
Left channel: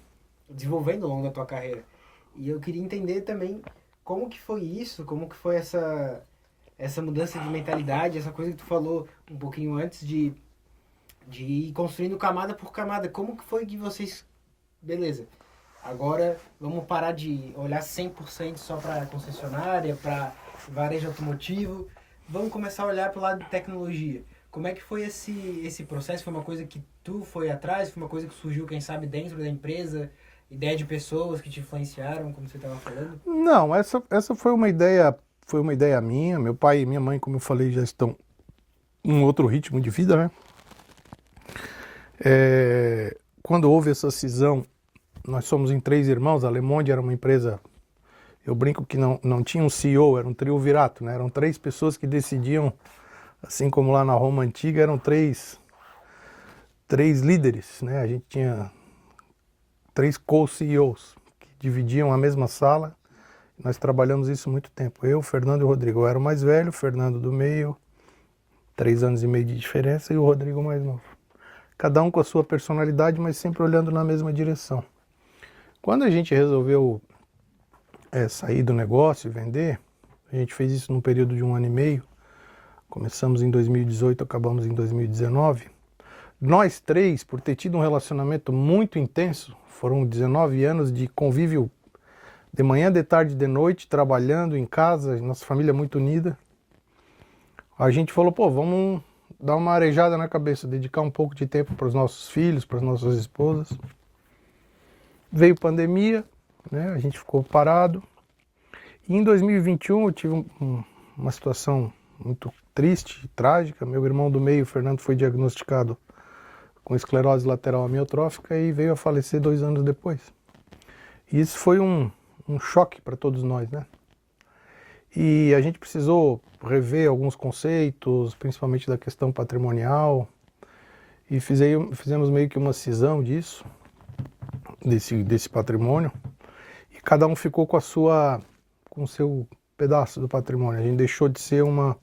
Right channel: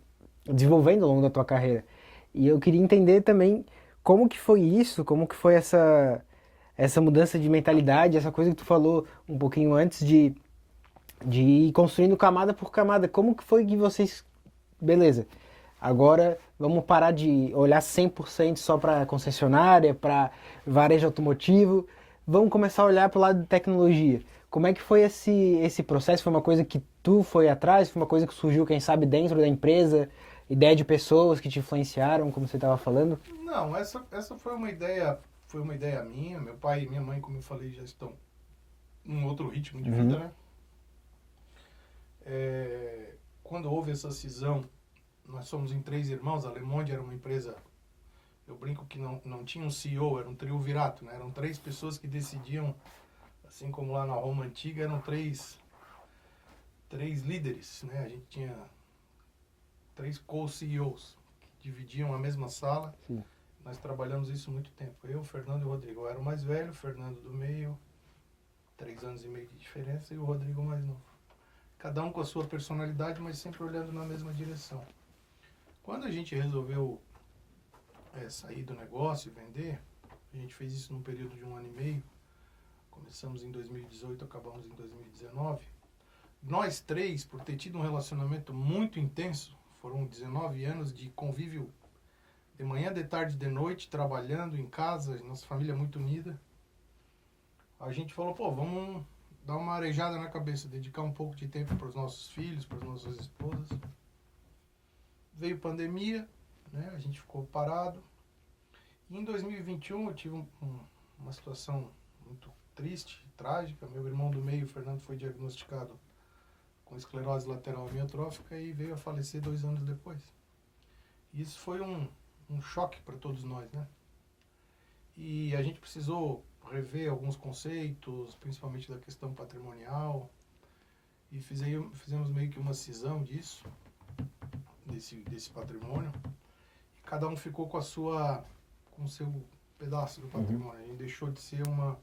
desenvolvendo ao longo da tua carreira. E eu queria entender também como que foi isso, como que foi essa mudança de mentalidade, essa coisa que tu falou um pouquinho antes de ir construindo camada por camada. Como que foi que vocês... Beleza, agora vamos parar de olhar 100% só para concessionária, para varejo automotivo. Vamos começar a olhar para o lado de tecnologia. Como é que foi esse processo? Foi uma coisa que tu foi atrás? Foi uma coisa que surgiu, quem sabe, dentro da empresa? Ideia de pessoas que te influenciaram, como você estava falando? Não, essa foi uma ideia minha. Meu pai e minha mãe, como eu falei, já estão em outro ritmo de vida, né? Quando houve essa cisão, nós somos em 3 irmãos. A Le Monde era uma empresa... Eu brinco que não tinha um CEO, era um triunvirato, né? Eram 3 pessoas que decidiam, assim como lá na Roma Antiga, eram 3 líderes, né? A gente tinha 3 co-CEOs que dividiam a mesma sala. Sim. nós trabalhamos isso muito tempo. Eu, Fernando e o Rodrigo. Eu era o mais velho, o Fernando do meio, 3 anos e meio de diferença, e o Rodrigo mais novo. Cada um com a sua personalidade, mas sempre olhando na mesma direção. Quando a gente resolveu sair do negócio e vender, a gente fez isso num período de 1 ano e meio. Começamos em 2018, acabamos em 2019. Nós três, por ter tido um relacionamento muito intenso, foram 19 anos de convívio de manhã, de tarde, de noite, trabalhando em casa, nossa família muito unida. A gente falou, pô, vamos dar uma arejada na cabeça, dedicar um pouco de tempo para os nossos filhos, para as nossas esposas. Veio pandemia, né? A gente ficou parado. E em 2021 eu tive uma situação muito triste, trágica. Meu irmão do meio, o Fernando, foi diagnosticado com esclerose lateral amiotrófica e veio a falecer 2 anos depois. E isso foi um choque para todos nós, né? E a gente precisou rever alguns conceitos, principalmente da questão patrimonial, e fizemos meio que uma cisão disso, desse patrimônio, e cada um ficou com o seu pedaço do patrimônio. A gente deixou de ser uma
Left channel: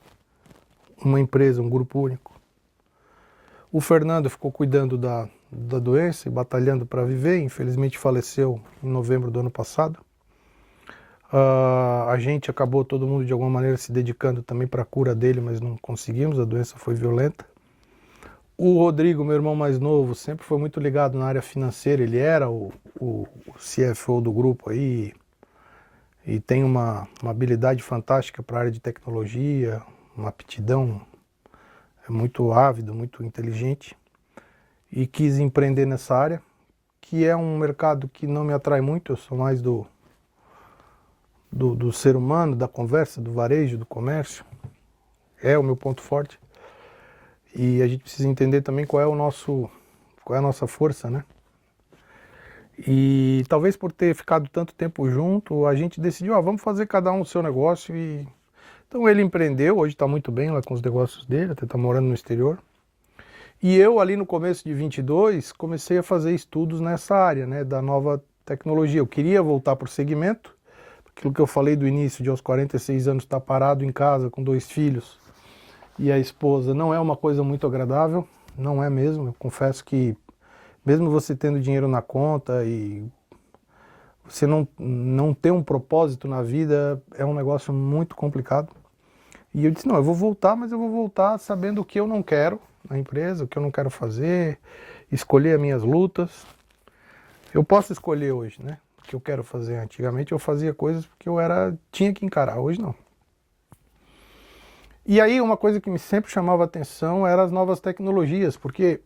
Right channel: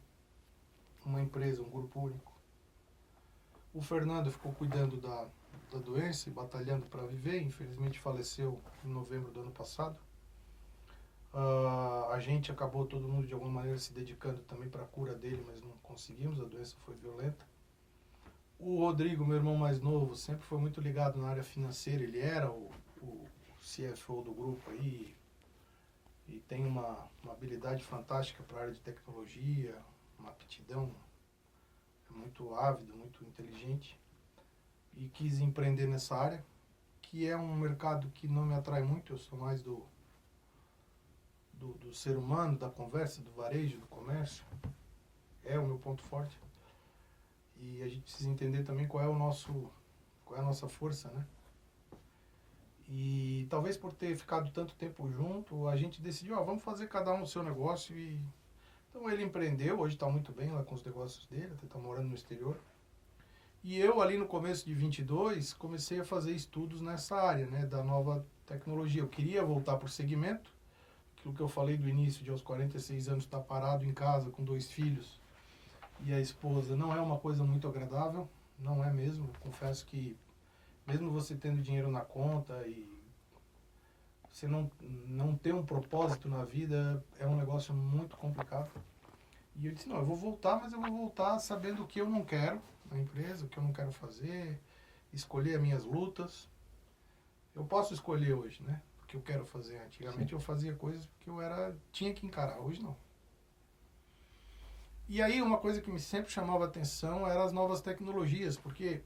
empresa, um grupo único. O Fernando ficou cuidando da doença e batalhando para viver, infelizmente faleceu em novembro do ano passado. A gente acabou, todo mundo de alguma maneira, se dedicando também para a cura dele, mas não conseguimos, a doença foi violenta. O Rodrigo, meu irmão mais novo, sempre foi muito ligado na área financeira, ele era o CFO do grupo aí, e tem uma habilidade fantástica para a área de tecnologia, uma aptidão, é muito ávido, muito inteligente, e quis empreender nessa área, que é um mercado que não me atrai muito, eu sou mais do ser humano, da conversa, do varejo, do comércio, é o meu ponto forte. E a gente precisa entender também qual é a nossa força, né? E talvez por ter ficado tanto tempo junto, a gente decidiu, vamos fazer cada um o seu negócio. Então ele empreendeu, hoje está muito bem lá com os negócios dele, até está morando no exterior. E eu ali no começo de 22 comecei a fazer estudos nessa área, né, da nova tecnologia. Eu queria voltar para o segmento, aquilo que eu falei do início, de aos 46 anos estar parado em casa com 2 filhos e a esposa, não é uma coisa muito agradável, não é mesmo. Eu confesso que mesmo você tendo dinheiro na conta e você não ter um propósito na vida, é um negócio muito complicado. E eu disse, não, eu vou voltar, mas eu vou voltar sabendo o que eu não quero na empresa, o que eu não quero fazer, escolher as minhas lutas. Eu posso escolher hoje, né, o que eu quero fazer. Antigamente eu fazia coisas porque tinha que encarar, hoje não. E aí uma coisa que me sempre chamava a atenção eram as novas tecnologias, porque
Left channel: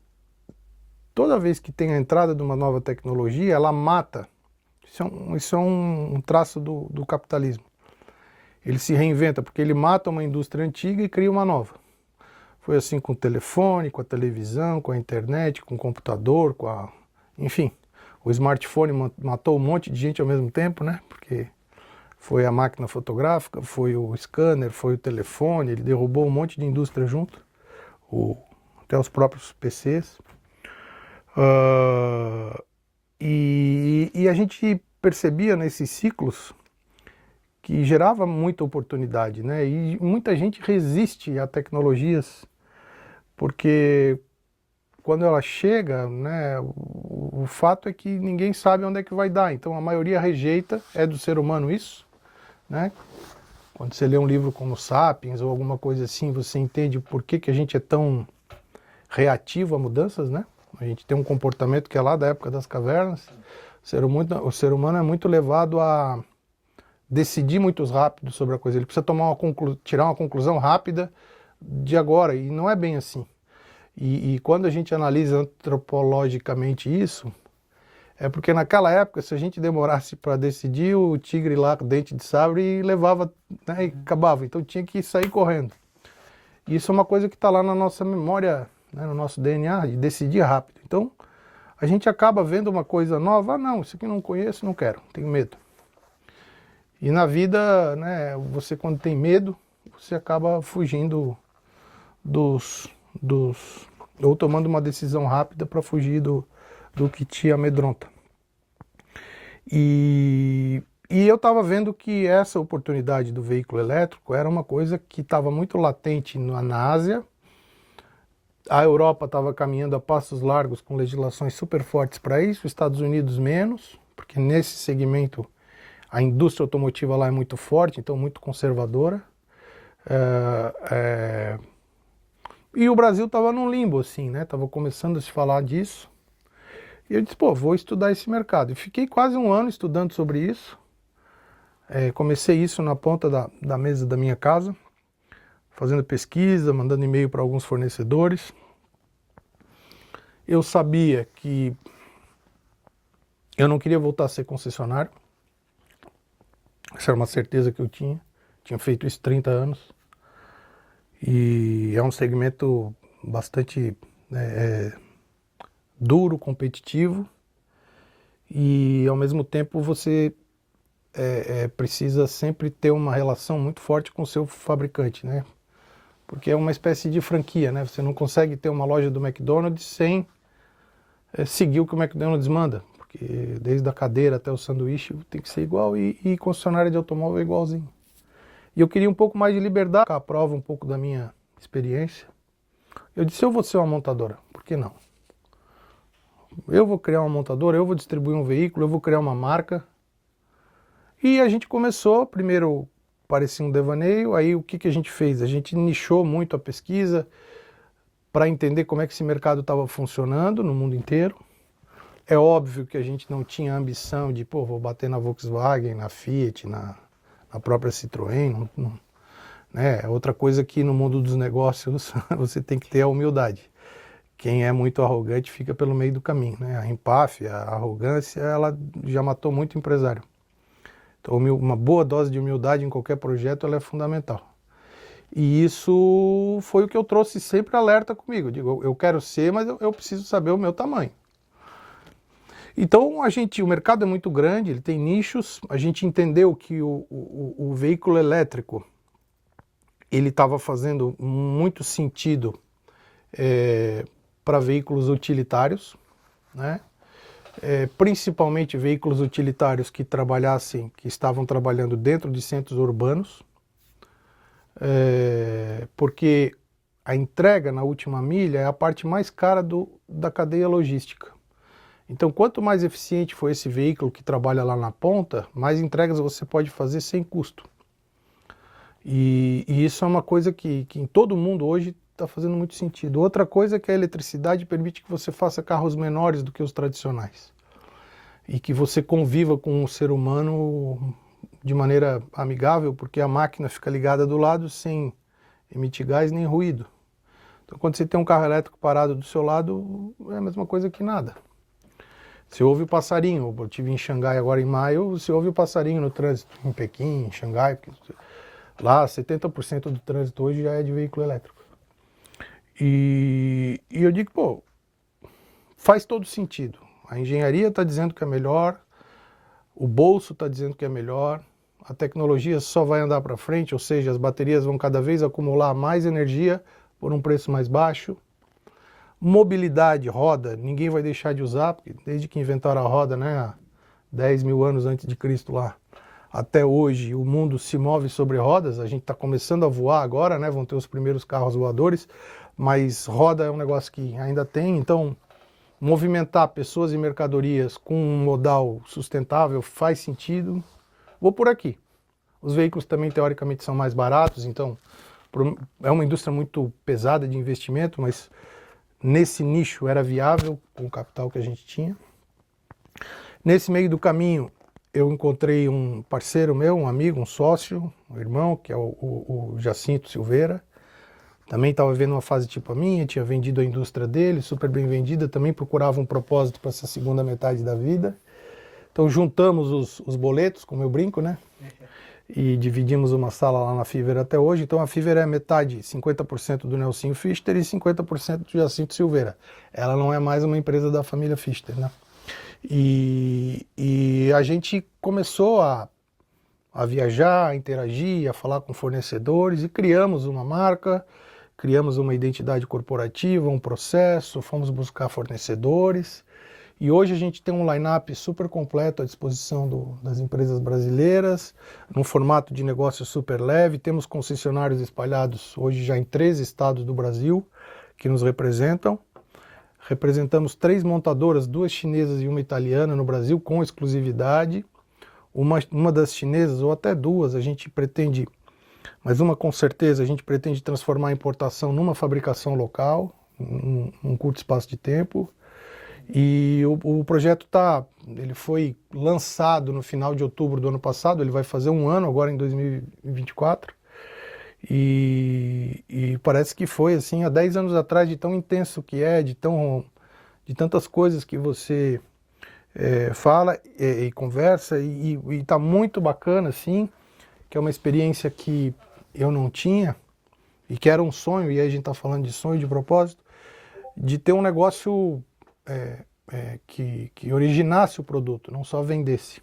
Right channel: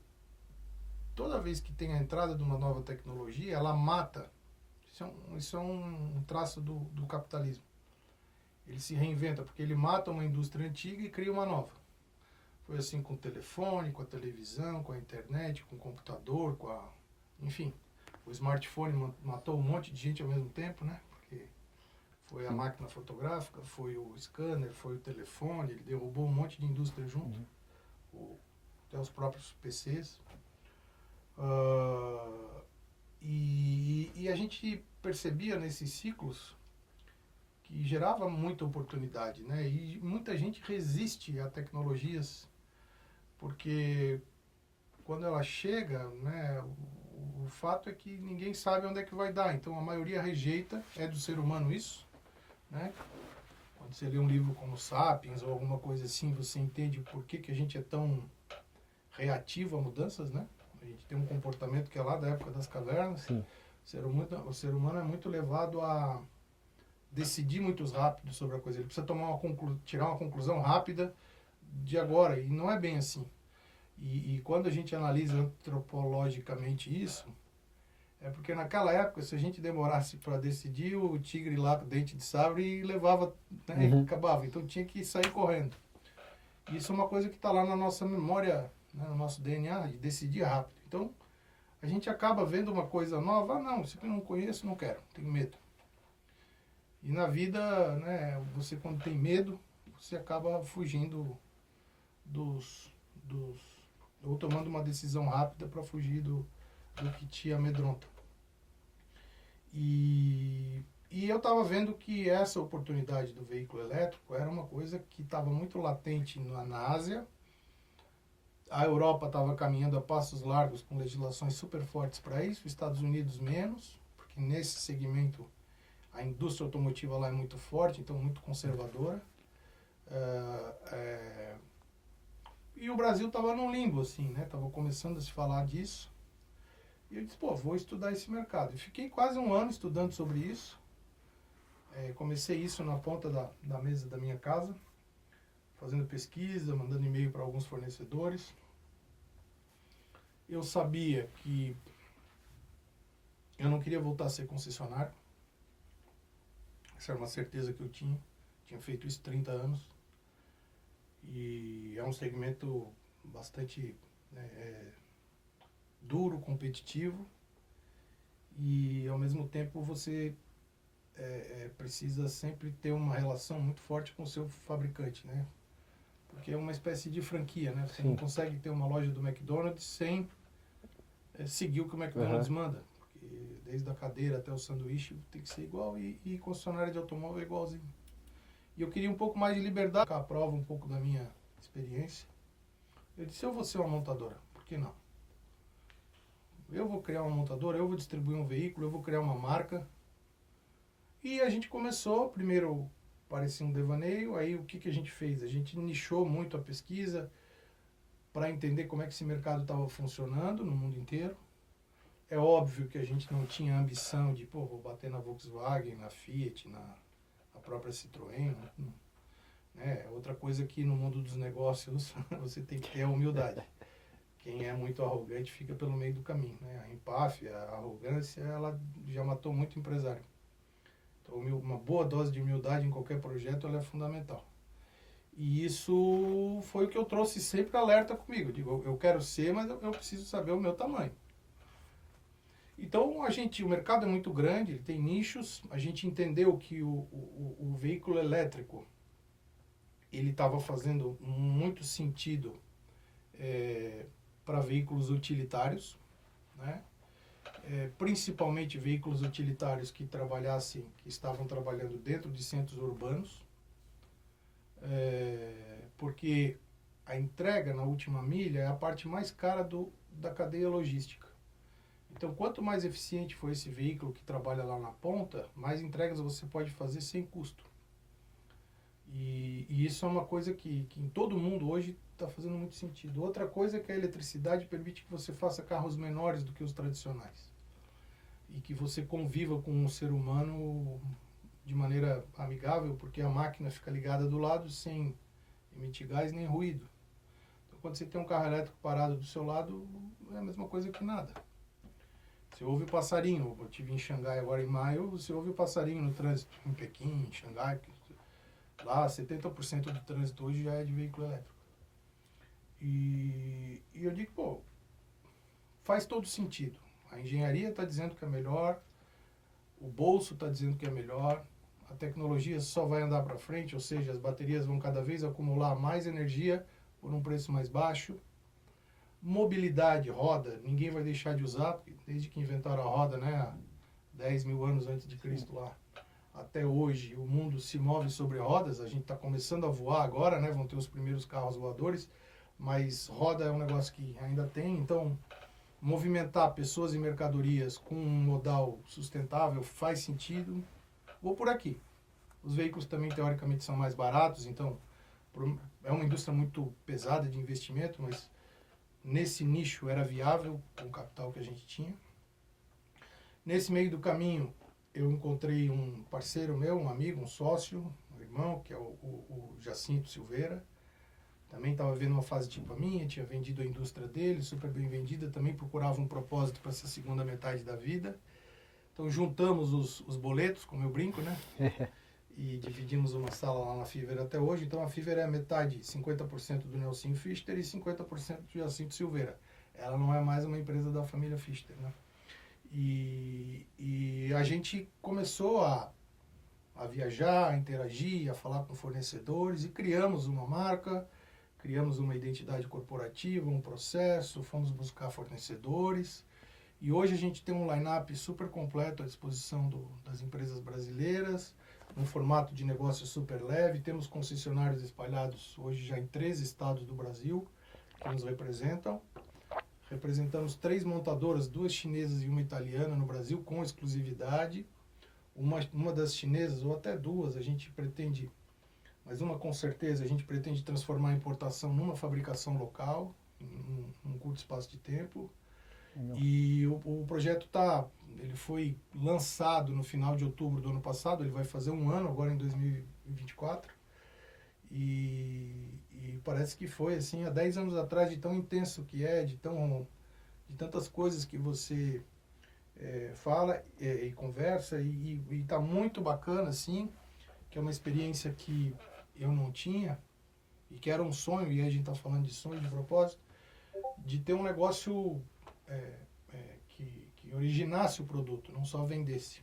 toda vez que tem a entrada de uma nova tecnologia, ela mata. Isso é um traço do capitalismo. Ele se reinventa, porque ele mata uma indústria antiga e cria uma nova. Foi assim com o telefone, com a televisão, com a internet, com o computador, enfim. O smartphone matou um monte de gente ao mesmo tempo, né? Porque foi a máquina fotográfica, foi o scanner, foi o telefone, ele derrubou um monte de indústria junto, até os próprios PCs. E a gente percebia nesses ciclos que gerava muita oportunidade, né? E muita gente resiste a tecnologias, porque quando ela chega, né, o fato é que ninguém sabe onde é que vai dar. Então a maioria rejeita, é do ser humano isso, né? Quando você lê um livro como Sapiens ou alguma coisa assim, você entende por que a gente é tão reativo a mudanças, né? A gente tem um comportamento que é lá da época das cavernas. Sim. O ser humano é muito levado a decidir muito rápido sobre a coisa. Ele precisa tirar uma conclusão rápida de agora, e não é bem assim. E quando a gente analisa antropologicamente isso, é porque naquela época, se a gente demorasse para decidir, o tigre lá com dente de sabre e levava, né, e acabava. Então tinha que sair correndo. E isso é uma coisa que está lá na nossa memória, né, no nosso DNA, de decidir rápido. Então a gente acaba vendo uma coisa nova, não, isso aqui eu não conheço, não quero, tenho medo. E na vida, né, você quando tem medo, você acaba fugindo ou tomando uma decisão rápida para fugir do que te amedronta. E E eu estava vendo que essa oportunidade do veículo elétrico era uma coisa que estava muito latente na Ásia. A Europa estava caminhando a passos largos com legislações super fortes para isso, os Estados Unidos menos, porque nesse segmento a indústria automotiva lá é muito forte, então muito conservadora. E o Brasil estava num limbo, assim, né? Estava começando a se falar disso. E eu disse, pô, vou estudar esse mercado. E fiquei quase um ano estudando sobre isso. Comecei isso na ponta da mesa da minha casa, fazendo pesquisa, mandando e-mail para alguns fornecedores. Eu sabia que eu não queria voltar a ser concessionário. Essa era uma certeza que eu tinha. Tinha feito isso 30 anos. E é um segmento bastante duro, competitivo. E ao mesmo tempo você precisa sempre ter uma relação muito forte com o seu fabricante, né? Porque é uma espécie de franquia, né? Você não consegue ter uma loja do McDonald's sem seguir o que o McDonald's manda. Porque desde a cadeira até o sanduíche tem que ser igual e concessionária de automóvel é igualzinho. E eu queria um pouco mais de liberdade, a prova um pouco da minha experiência. Eu disse, eu vou ser uma montadora, por que não? Eu vou criar uma montadora, eu vou distribuir um veículo, eu vou criar uma marca. E a gente começou, primeiro parecia um devaneio, aí o que a gente fez? A gente nichou muito a pesquisa para entender como é que esse mercado estava funcionando no mundo inteiro. É óbvio que a gente não tinha ambição de, pô, vou bater na Volkswagen, na Fiat, na própria Citroën, né? Outra coisa que no mundo dos negócios você tem que ter a humildade. Quem é muito arrogante fica pelo meio do caminho, né? A empáfia, a arrogância, ela já matou muito empresário. Então uma boa dose de humildade em qualquer projeto ela é fundamental. E isso foi o que eu trouxe sempre alerta comigo. Eu digo, eu quero ser, mas eu preciso saber o meu tamanho. Então o mercado é muito grande, ele tem nichos. A gente entendeu que o veículo elétrico ele estava fazendo muito sentido para veículos utilitários, né? Principalmente veículos utilitários que estavam trabalhando dentro de centros urbanos, porque a entrega na última milha é a parte mais cara da cadeia logística. Então, quanto mais eficiente for esse veículo que trabalha lá na ponta, mais entregas você pode fazer sem custo. E isso é uma coisa que em todo mundo hoje está fazendo muito sentido. Outra coisa é que a eletricidade permite que você faça carros menores do que os tradicionais. E que você conviva com o ser humano de maneira amigável, porque a máquina fica ligada do lado sem emitir gás nem ruído. Então, quando você tem um carro elétrico parado do seu lado, é a mesma coisa que nada. Você ouve o passarinho, eu estive em Xangai agora em maio, você ouve o passarinho no trânsito, em Pequim, em Xangai, lá 70% do trânsito hoje já é de veículo elétrico. E eu digo, pô, faz todo sentido. A engenharia está dizendo que é melhor, o bolso está dizendo que é melhor, a tecnologia só vai andar para frente, ou seja, as baterias vão cada vez acumular mais energia por um preço mais baixo. Mobilidade, roda, ninguém vai deixar de usar, porque desde que inventaram a roda, né, há 10 mil anos antes de Cristo lá, até hoje o mundo se move sobre rodas. A gente está começando a voar agora, né, vão ter os primeiros carros voadores, mas roda é um negócio que ainda tem, então movimentar pessoas e mercadorias com um modal sustentável faz sentido. Vou por aqui. Os veículos também teoricamente são mais baratos, então é uma indústria muito pesada de investimento, mas nesse nicho era viável com o capital que a gente tinha. Nesse meio do caminho eu encontrei um parceiro meu, um amigo, um sócio, um irmão, que é o Jacinto Silveira. Também estava vivendo uma fase tipo a minha, tinha vendido a indústria dele, super bem vendida, também procurava um propósito para essa segunda metade da vida. Então juntamos os boletos, como eu brinco, né? E dividimos uma sala lá na Fiverr até hoje. Então a Fiverr é metade, 50% do Nelsinho Fister e 50% do Jacinto Silveira. Ela não é mais uma empresa da família Fister, né? E a gente começou a viajar, a interagir, a falar com fornecedores e criamos uma marca, criamos uma identidade corporativa, um processo, fomos buscar fornecedores E hoje a gente tem um line-up super completo à disposição das empresas brasileiras, num formato de negócio super leve. Temos concessionários espalhados hoje já em 13 estados do Brasil que nos representam. Representamos 3 montadoras, 2 chinesas e uma italiana no Brasil, com exclusividade. Uma das chinesas, ou até 2, a gente pretende, mas uma com certeza, a gente pretende transformar a importação numa fabricação local, em um curto espaço de tempo. E o projeto ele foi lançado no final de outubro do ano passado, ele vai fazer 1 ano agora em 2024. E parece que foi assim há 10 anos atrás, de tão intenso que é, de tantas coisas que você fala e conversa, e está muito bacana, assim, que é uma experiência que eu não tinha, e que era um sonho, e aí a gente está falando de sonho, de propósito, de ter um negócio que originasse o produto, não só vendesse.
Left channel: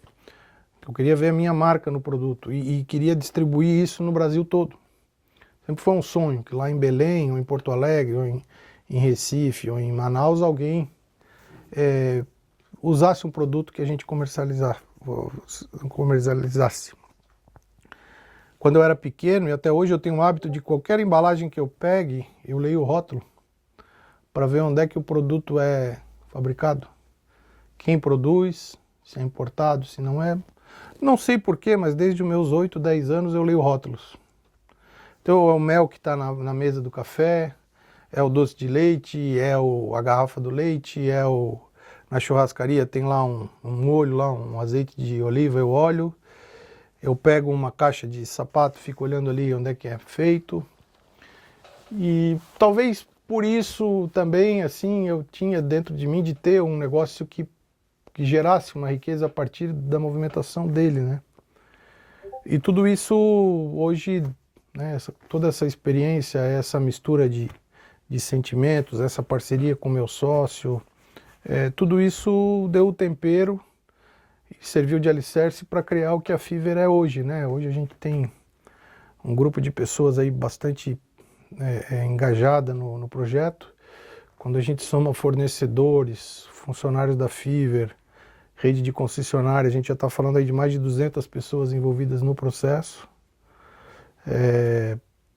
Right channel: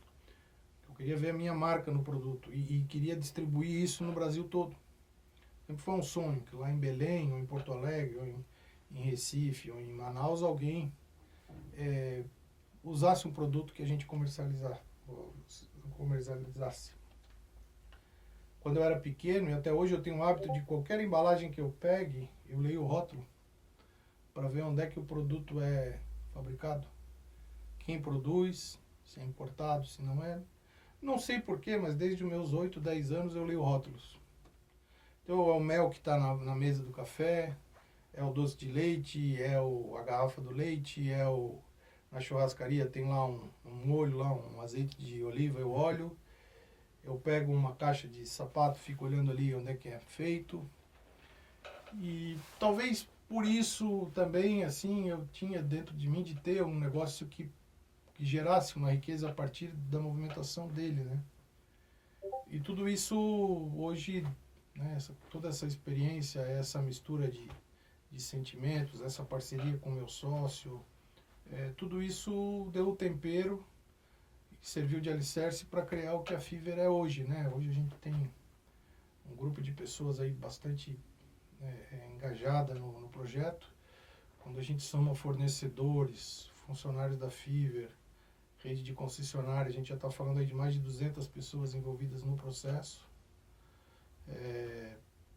Eu queria ver a minha marca no produto e queria distribuir isso no Brasil todo. Sempre foi um sonho que lá em Belém, ou em Porto Alegre, ou em Recife, ou em Manaus, alguém usasse um produto que a gente comercializasse. Quando eu era pequeno, e até hoje eu tenho o hábito de qualquer embalagem que eu pegue, eu leio o rótulo para ver onde é que o produto é fabricado, quem produz, se é importado, se não é. Não sei porquê, mas desde os meus 8, 10 anos eu leio rótulos. Então é o mel que está na mesa do café, é o doce de leite, a garrafa do leite, na churrascaria tem lá um molho, lá, um azeite de oliva, eu olho. Eu pego uma caixa de sapato, fico olhando ali onde é que é feito. E talvez por isso também, assim, eu tinha dentro de mim de ter um negócio que gerasse uma riqueza a partir da movimentação dele, né? E tudo isso hoje, né, toda essa experiência, essa mistura de sentimentos, essa parceria com meu sócio, tudo isso deu o tempero e serviu de alicerce para criar o que a Fiverr é hoje, né? Hoje a gente tem um grupo de pessoas aí bastante engajada no projeto. Quando a gente soma fornecedores, funcionários da Fiverr, rede de concessionária, a gente já está falando aí de mais de 200 pessoas envolvidas no processo.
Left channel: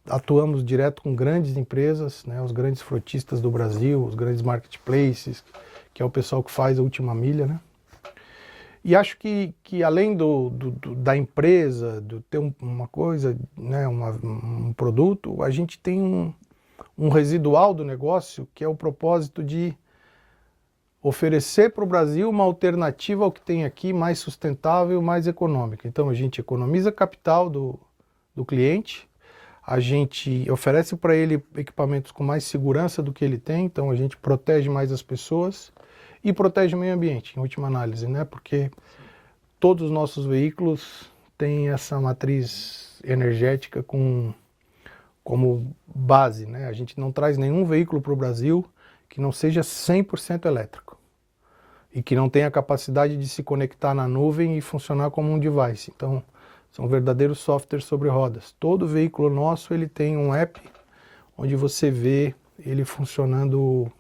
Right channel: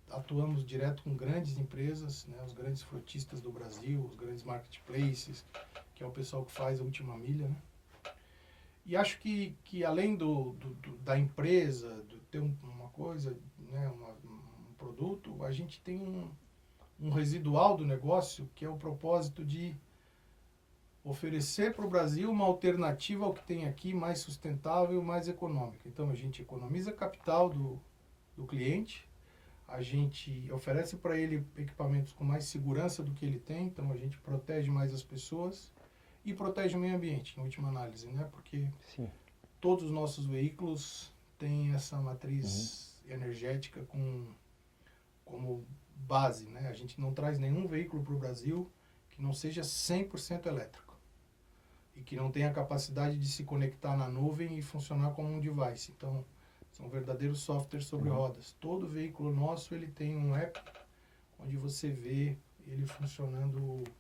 Atuamos direto com grandes empresas, né, os grandes frotistas do Brasil, os grandes marketplaces, que é o pessoal que faz a última milha, né? E acho que além da empresa, de ter uma coisa, né, um produto, a gente tem um residual do negócio, que é o propósito de oferecer para o Brasil uma alternativa ao que tem aqui, mais sustentável, mais econômica. Então a gente economiza capital do cliente, a gente oferece para ele equipamentos com mais segurança do que ele tem, então a gente protege mais as pessoas e protege o meio ambiente, em última análise, né? Porque sim, todos os nossos veículos têm essa matriz energética como base, né? A gente não traz nenhum veículo para o Brasil que não seja 100% elétrico e que não tenha a capacidade de se conectar na nuvem e funcionar como um device. Então, são verdadeiros softwares sobre rodas. Todo veículo nosso ele tem um app onde você vê ele funcionando,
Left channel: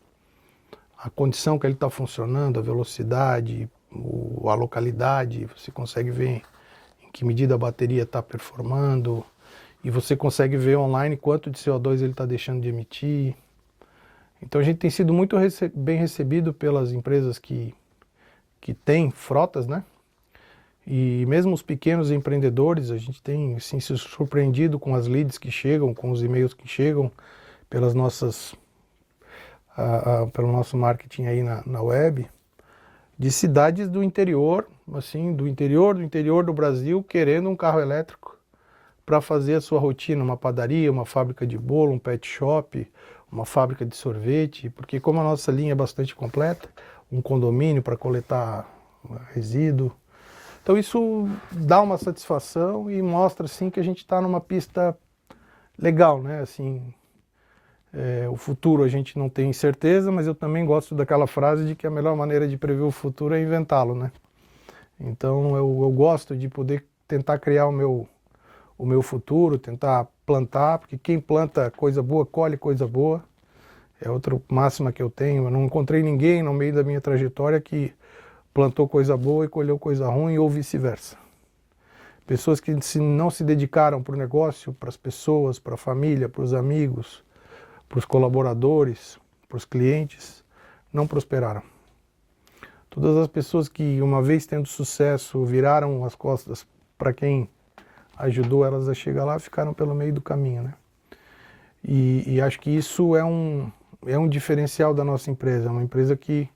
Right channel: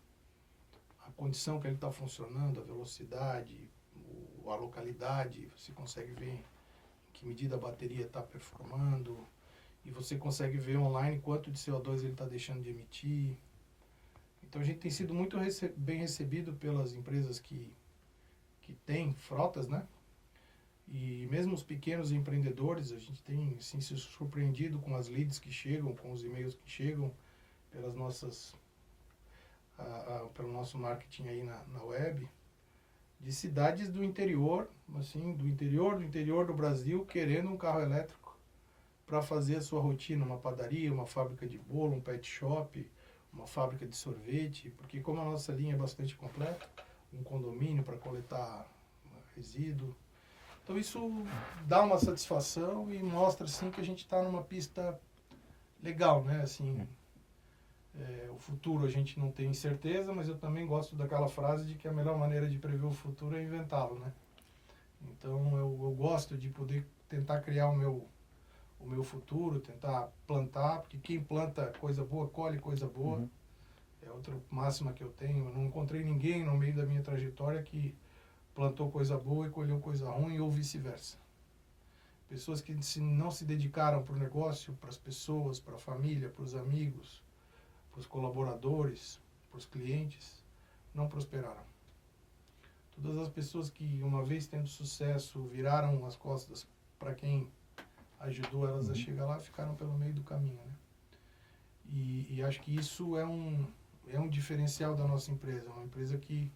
a condição que ele está funcionando, a velocidade, a localidade, você consegue ver em que medida a bateria está performando, e você consegue ver online quanto de CO2 ele está deixando de emitir. Então a gente tem sido muito bem recebido pelas empresas que têm frotas, né? E mesmo os pequenos empreendedores, a gente tem assim, se surpreendido com as leads que chegam, com os e-mails que chegam pelas nossas pelo nosso marketing aí na web, de cidades do interior, assim, do interior do Brasil, querendo um carro elétrico para fazer a sua rotina, uma padaria, uma fábrica de bolo, um pet shop, uma fábrica de sorvete, porque como a nossa linha é bastante completa, um condomínio para coletar resíduo. Então isso dá uma satisfação e mostra assim que a gente está numa pista legal, né? Assim, o futuro a gente não tem certeza, mas eu também gosto daquela frase de que a melhor maneira de prever o futuro é inventá-lo, né? Então eu gosto de poder tentar criar o meu futuro, tentar plantar, porque quem planta coisa boa, colhe coisa boa. É outra máxima que eu tenho. Eu não encontrei ninguém no meio da minha trajetória que plantou coisa boa e colheu coisa ruim ou vice-versa. Pessoas que não se dedicaram para o negócio, para as pessoas, para a família, para os amigos, para os colaboradores, para os clientes, não prosperaram. Todas as pessoas que, uma vez tendo sucesso, viraram as costas para quem ajudou elas a chegar lá, ficaram pelo meio do caminho, né? E acho que isso é um diferencial da nossa empresa. É uma empresa que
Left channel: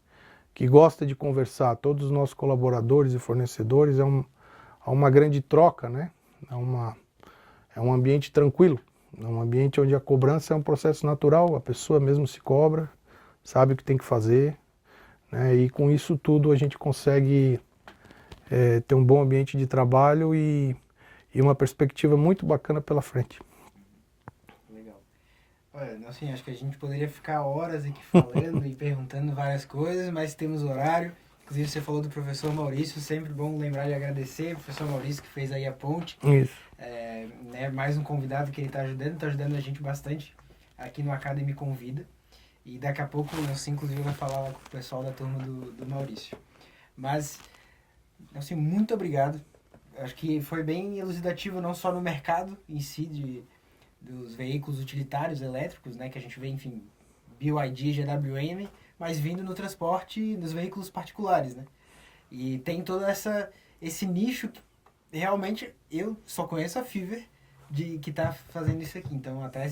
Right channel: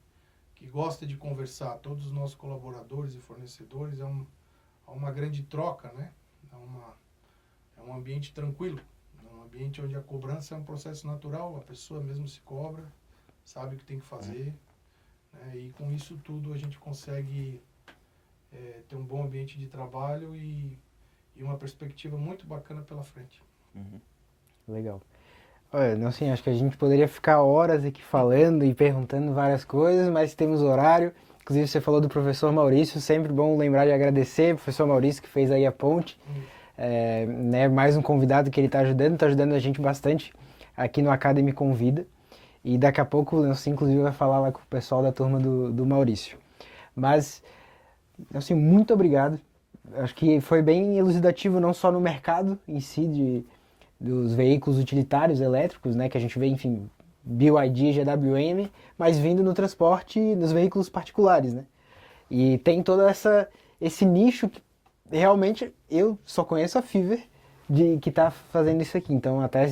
gosta de conversar. Todos os nossos colaboradores e fornecedores, há uma grande troca, né? É um ambiente tranquilo. É um ambiente onde a cobrança é um processo natural. A pessoa mesmo se cobra, sabe o que tem que fazer, né? E com isso tudo a gente consegue ter um bom ambiente de trabalho e uma perspectiva muito bacana pela frente. Legal. Olha, não sei, acho que a gente poderia ficar horas aqui falando e perguntando várias coisas, mas temos horário. Inclusive você falou do professor Maurício, sempre bom lembrar de agradecer o professor Maurício que fez aí a ponte. Isso. Né, mais um convidado que ele está ajudando a gente bastante aqui no Academy Convida. E daqui a pouco o Nelson, inclusive, vai falar lá com o pessoal da turma do Maurício. Mas, assim, muito obrigado. Acho que foi bem elucidativo, não só no mercado em si, dos veículos utilitários elétricos, né, que a gente vê, enfim, BYD, GWM, mas vindo no transporte nos veículos particulares, né? E tem todo esse nicho que realmente eu só conheço a Fiverr que está fazendo isso aqui. Então, até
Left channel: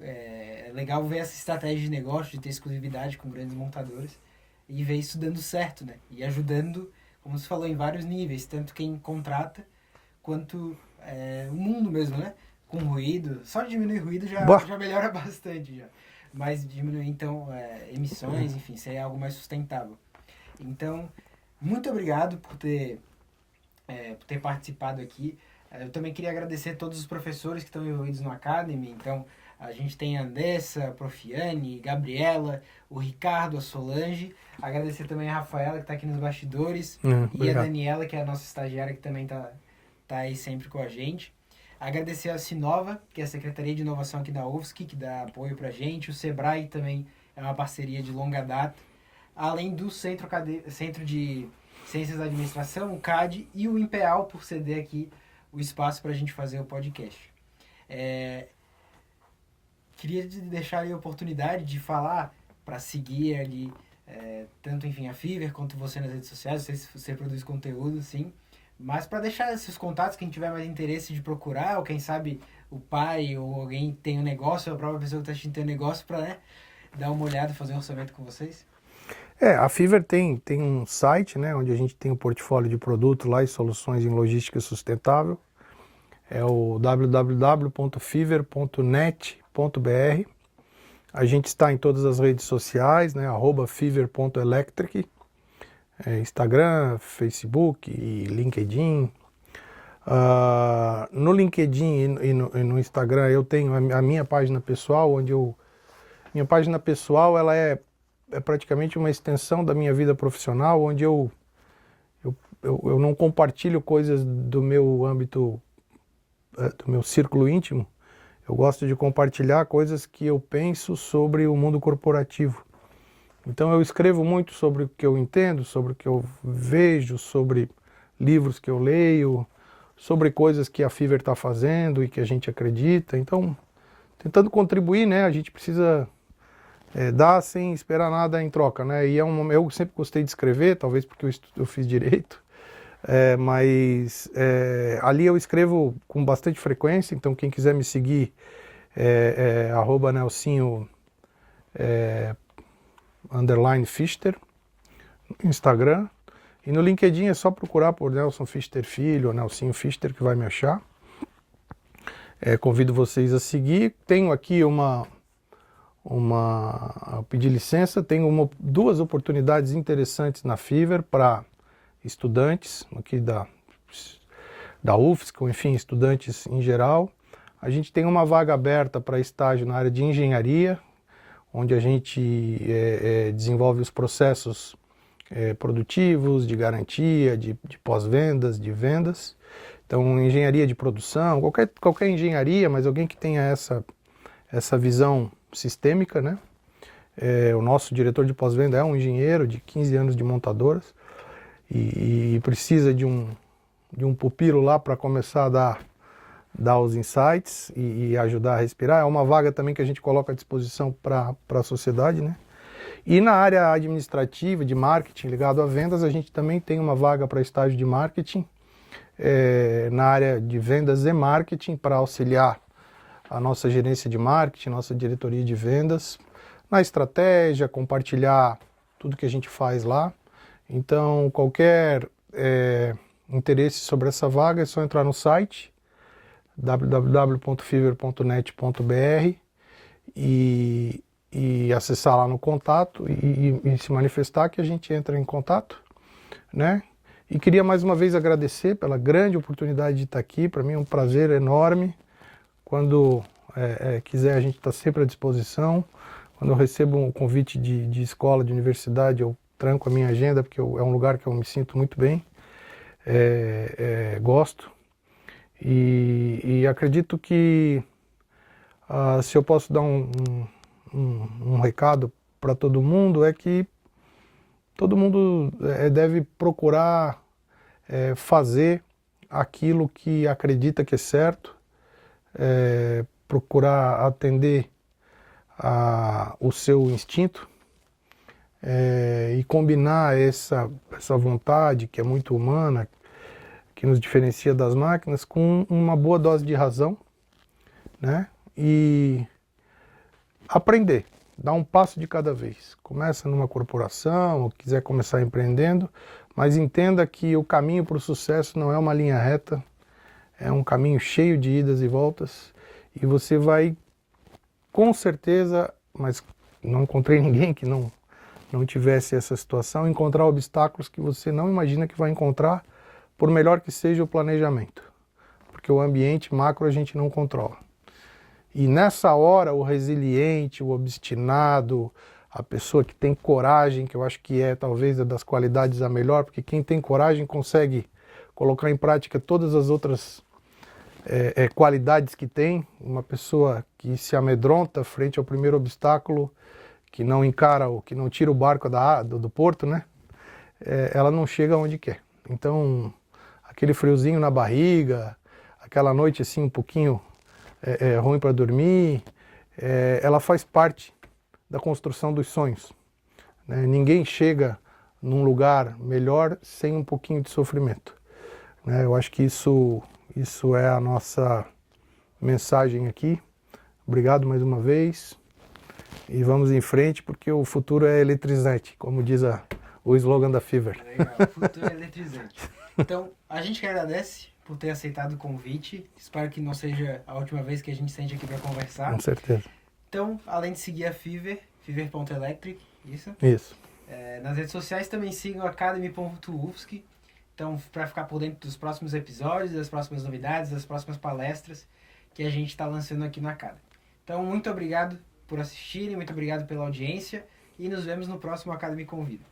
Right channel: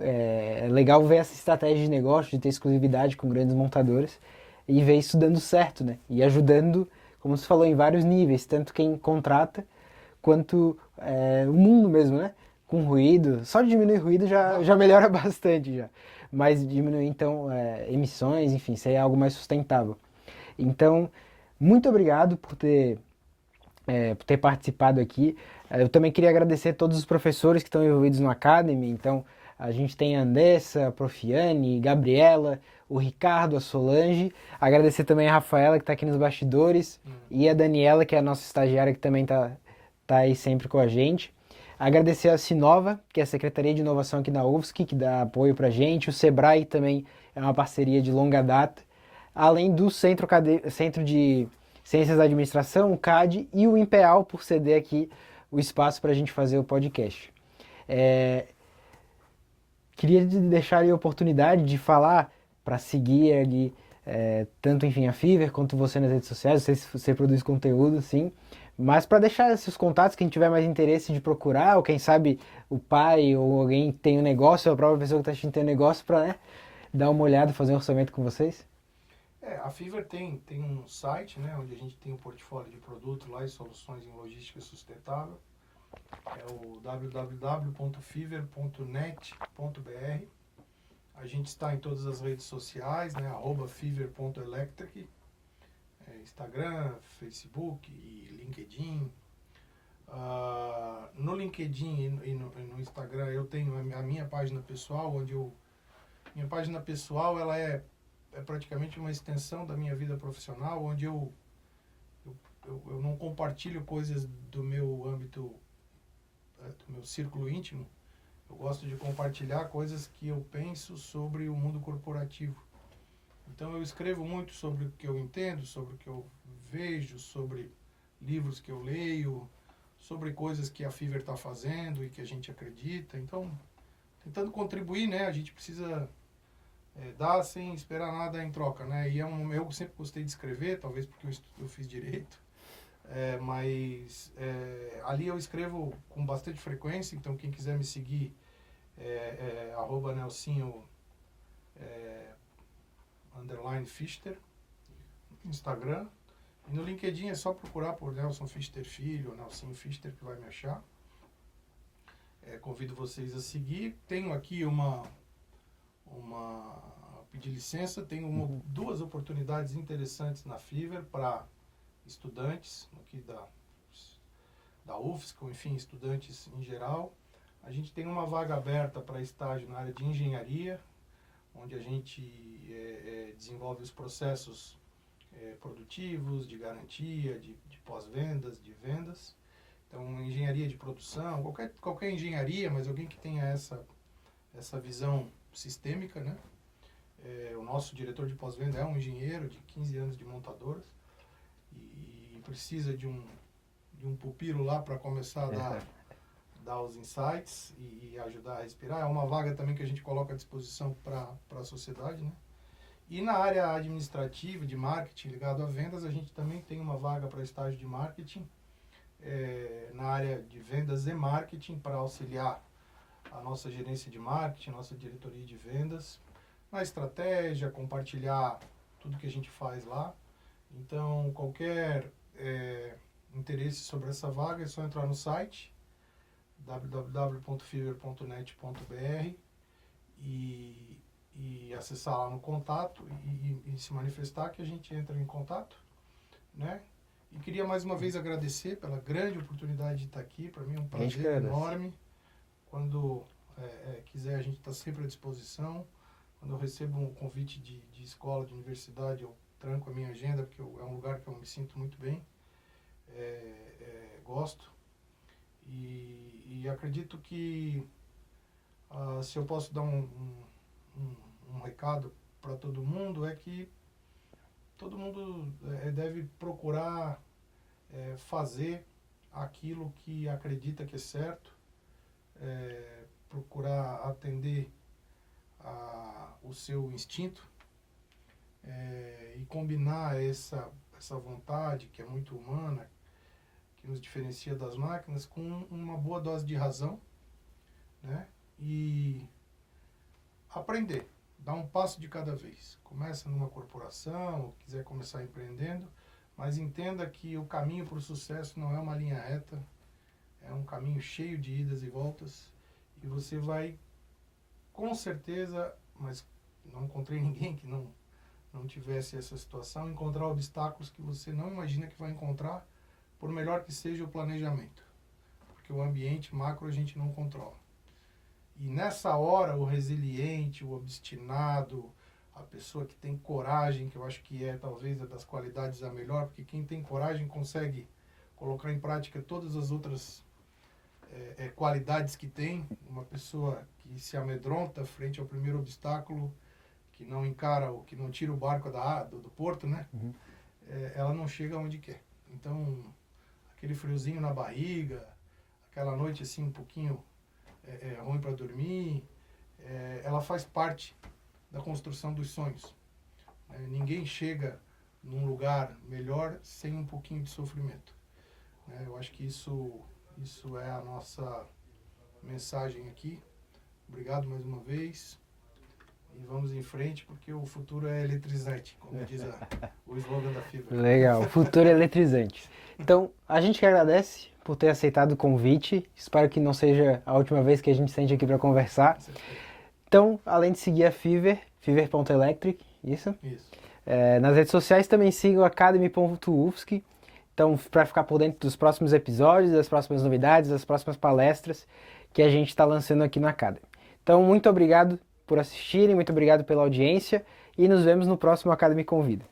é legal ver essa estratégia de negócio, de ter exclusividade com grandes montadoras e ver isso dando certo, né? E ajudando, como você falou, em vários níveis, tanto quem contrata quanto o mundo mesmo, né? Com ruído, só diminuir ruído já melhora bastante já. Mas diminuir então emissões, enfim, ser algo mais sustentável. Então, muito obrigado por ter participado aqui. Eu também queria agradecer a todos os professores que estão envolvidos no Academy. Então, a gente tem a Andessa, a Profiane, Gabriela, o Ricardo, a Solange. Agradecer também a Rafaela, que está aqui nos bastidores, e obrigado. a Daniela, que é a nossa estagiária, que também tá aí sempre com a gente. Agradecer a Sinova, que é a Secretaria de Inovação aqui na UFSC, que dá apoio pra gente. O Sebrae também é uma parceria de longa data. Além do Centro de Ciências da Administração, o CAD, e o INPEAL, por ceder aqui o espaço para a gente fazer o podcast. Queria deixar aí a oportunidade de falar para seguir ali, tanto, enfim, a Fiverr quanto você nas redes sociais. Não sei se você produz conteúdo, sim. Mas para deixar esses contatos, quem tiver mais interesse de procurar, ou quem sabe o pai ou alguém tem um negócio, ou a própria pessoa que está assistindo tem um negócio, para dar uma olhada, fazer um orçamento com vocês. A Fiverr tem um site, né, onde a gente tem um portfólio de produto lá e soluções em logística sustentável. É o www.fiverr.net.br. A gente está em todas as redes sociais, né, @fiverr.electric. Instagram, Facebook e LinkedIn. No LinkedIn e no Instagram eu tenho a minha página pessoal, minha página pessoal ela é praticamente uma extensão da minha vida profissional, onde eu não compartilho coisas do meu âmbito, do meu círculo íntimo. Eu gosto de compartilhar coisas que eu penso sobre o mundo corporativo. Então eu escrevo muito sobre o que eu entendo, sobre o que eu vejo, sobre livros que eu leio, sobre coisas que a Fiverr está fazendo e que a gente acredita. Então, tentando contribuir, né? A gente precisa dar sem esperar nada em troca, né? E eu sempre gostei de escrever, talvez porque eu fiz direito, mas ali eu escrevo com bastante frequência. Então quem quiser me seguir @Nelsinho _Fister no Instagram, e no LinkedIn é só procurar por Nelson Fister Filho ou Nelsinho Fister que vai me achar. Convido vocês a seguir. Tenho aqui a pedir licença, tenho duas oportunidades interessantes na Fiverr para estudantes aqui da UFSC, ou enfim, estudantes em geral. A gente tem uma vaga aberta para estágio na área de engenharia, onde a gente desenvolve os processos produtivos, de garantia, de pós-vendas, de vendas. Então, engenharia de produção, qualquer engenharia, mas alguém que tenha essa visão sistêmica, né? O nosso diretor de pós-venda é um engenheiro de 15 anos de montadoras e precisa de um pupilo lá para começar a dar os insights e ajudar a respirar. É uma vaga também que a gente coloca à disposição para a sociedade, né? E na área administrativa, de marketing, ligado a vendas, a gente também tem uma vaga para estágio de marketing, na área de vendas e marketing, para auxiliar a nossa gerência de marketing, nossa diretoria de vendas, na estratégia, compartilhar tudo que a gente faz lá. Então, qualquer interesse sobre essa vaga é só entrar no site www.fiverr.net.br e acessar lá no contato e se manifestar que a gente entra em contato, né? E queria mais uma vez agradecer pela grande oportunidade de estar aqui. Para mim é um prazer enorme. Quando quiser, a gente está sempre à disposição. Quando eu recebo um convite de escola, de universidade, eu tranco a minha agenda, porque é um lugar que eu me sinto muito bem, gosto. E acredito que se eu posso dar um recado para todo mundo, é que todo mundo deve procurar fazer aquilo que acredita que é certo, procurar atender o seu instinto e combinar essa vontade que é muito humana, que nos diferencia das máquinas, com uma boa dose de razão, né? E aprender, dar um passo de cada vez. Começa numa corporação, ou quiser começar empreendendo, mas entenda que o caminho para o sucesso não é uma linha reta, é um caminho cheio de idas e voltas, e você vai, com certeza, mas não encontrei ninguém que não tivesse essa situação, encontrar obstáculos que você não imagina que vai encontrar, por melhor que seja o planejamento, porque o ambiente macro a gente não controla. E nessa hora, o resiliente, o obstinado, a pessoa que tem coragem, que eu acho que talvez das qualidades a melhor, porque quem tem coragem consegue colocar em prática todas as outras qualidades que tem. Uma pessoa que se amedronta frente ao primeiro obstáculo, que não encara, que não tira o barco do porto, né? Ela não chega onde quer. Então, aquele friozinho na barriga, aquela noite assim um pouquinho ruim para dormir, ela faz parte da construção dos sonhos, né? Ninguém chega num lugar melhor sem um pouquinho de sofrimento, né? Eu acho que isso é a nossa mensagem aqui. Obrigado mais uma vez e vamos em frente, porque o futuro é eletrizante, como diz o slogan da Fiverr. Legal, o futuro é eletrizante. Então, a gente que agradece por ter aceitado o convite. Espero que não seja a última vez que a gente sente aqui para conversar. Com certeza. Então, além de seguir a Fiverr, fiverr.electric, isso? Isso. Nas redes sociais também sigam academy.ufsc. Então, para ficar por dentro dos próximos episódios, das próximas novidades, das próximas palestras que a gente está lançando aqui no Academy. Então, muito obrigado por assistirem, muito obrigado pela audiência e nos vemos no próximo Academy Convida.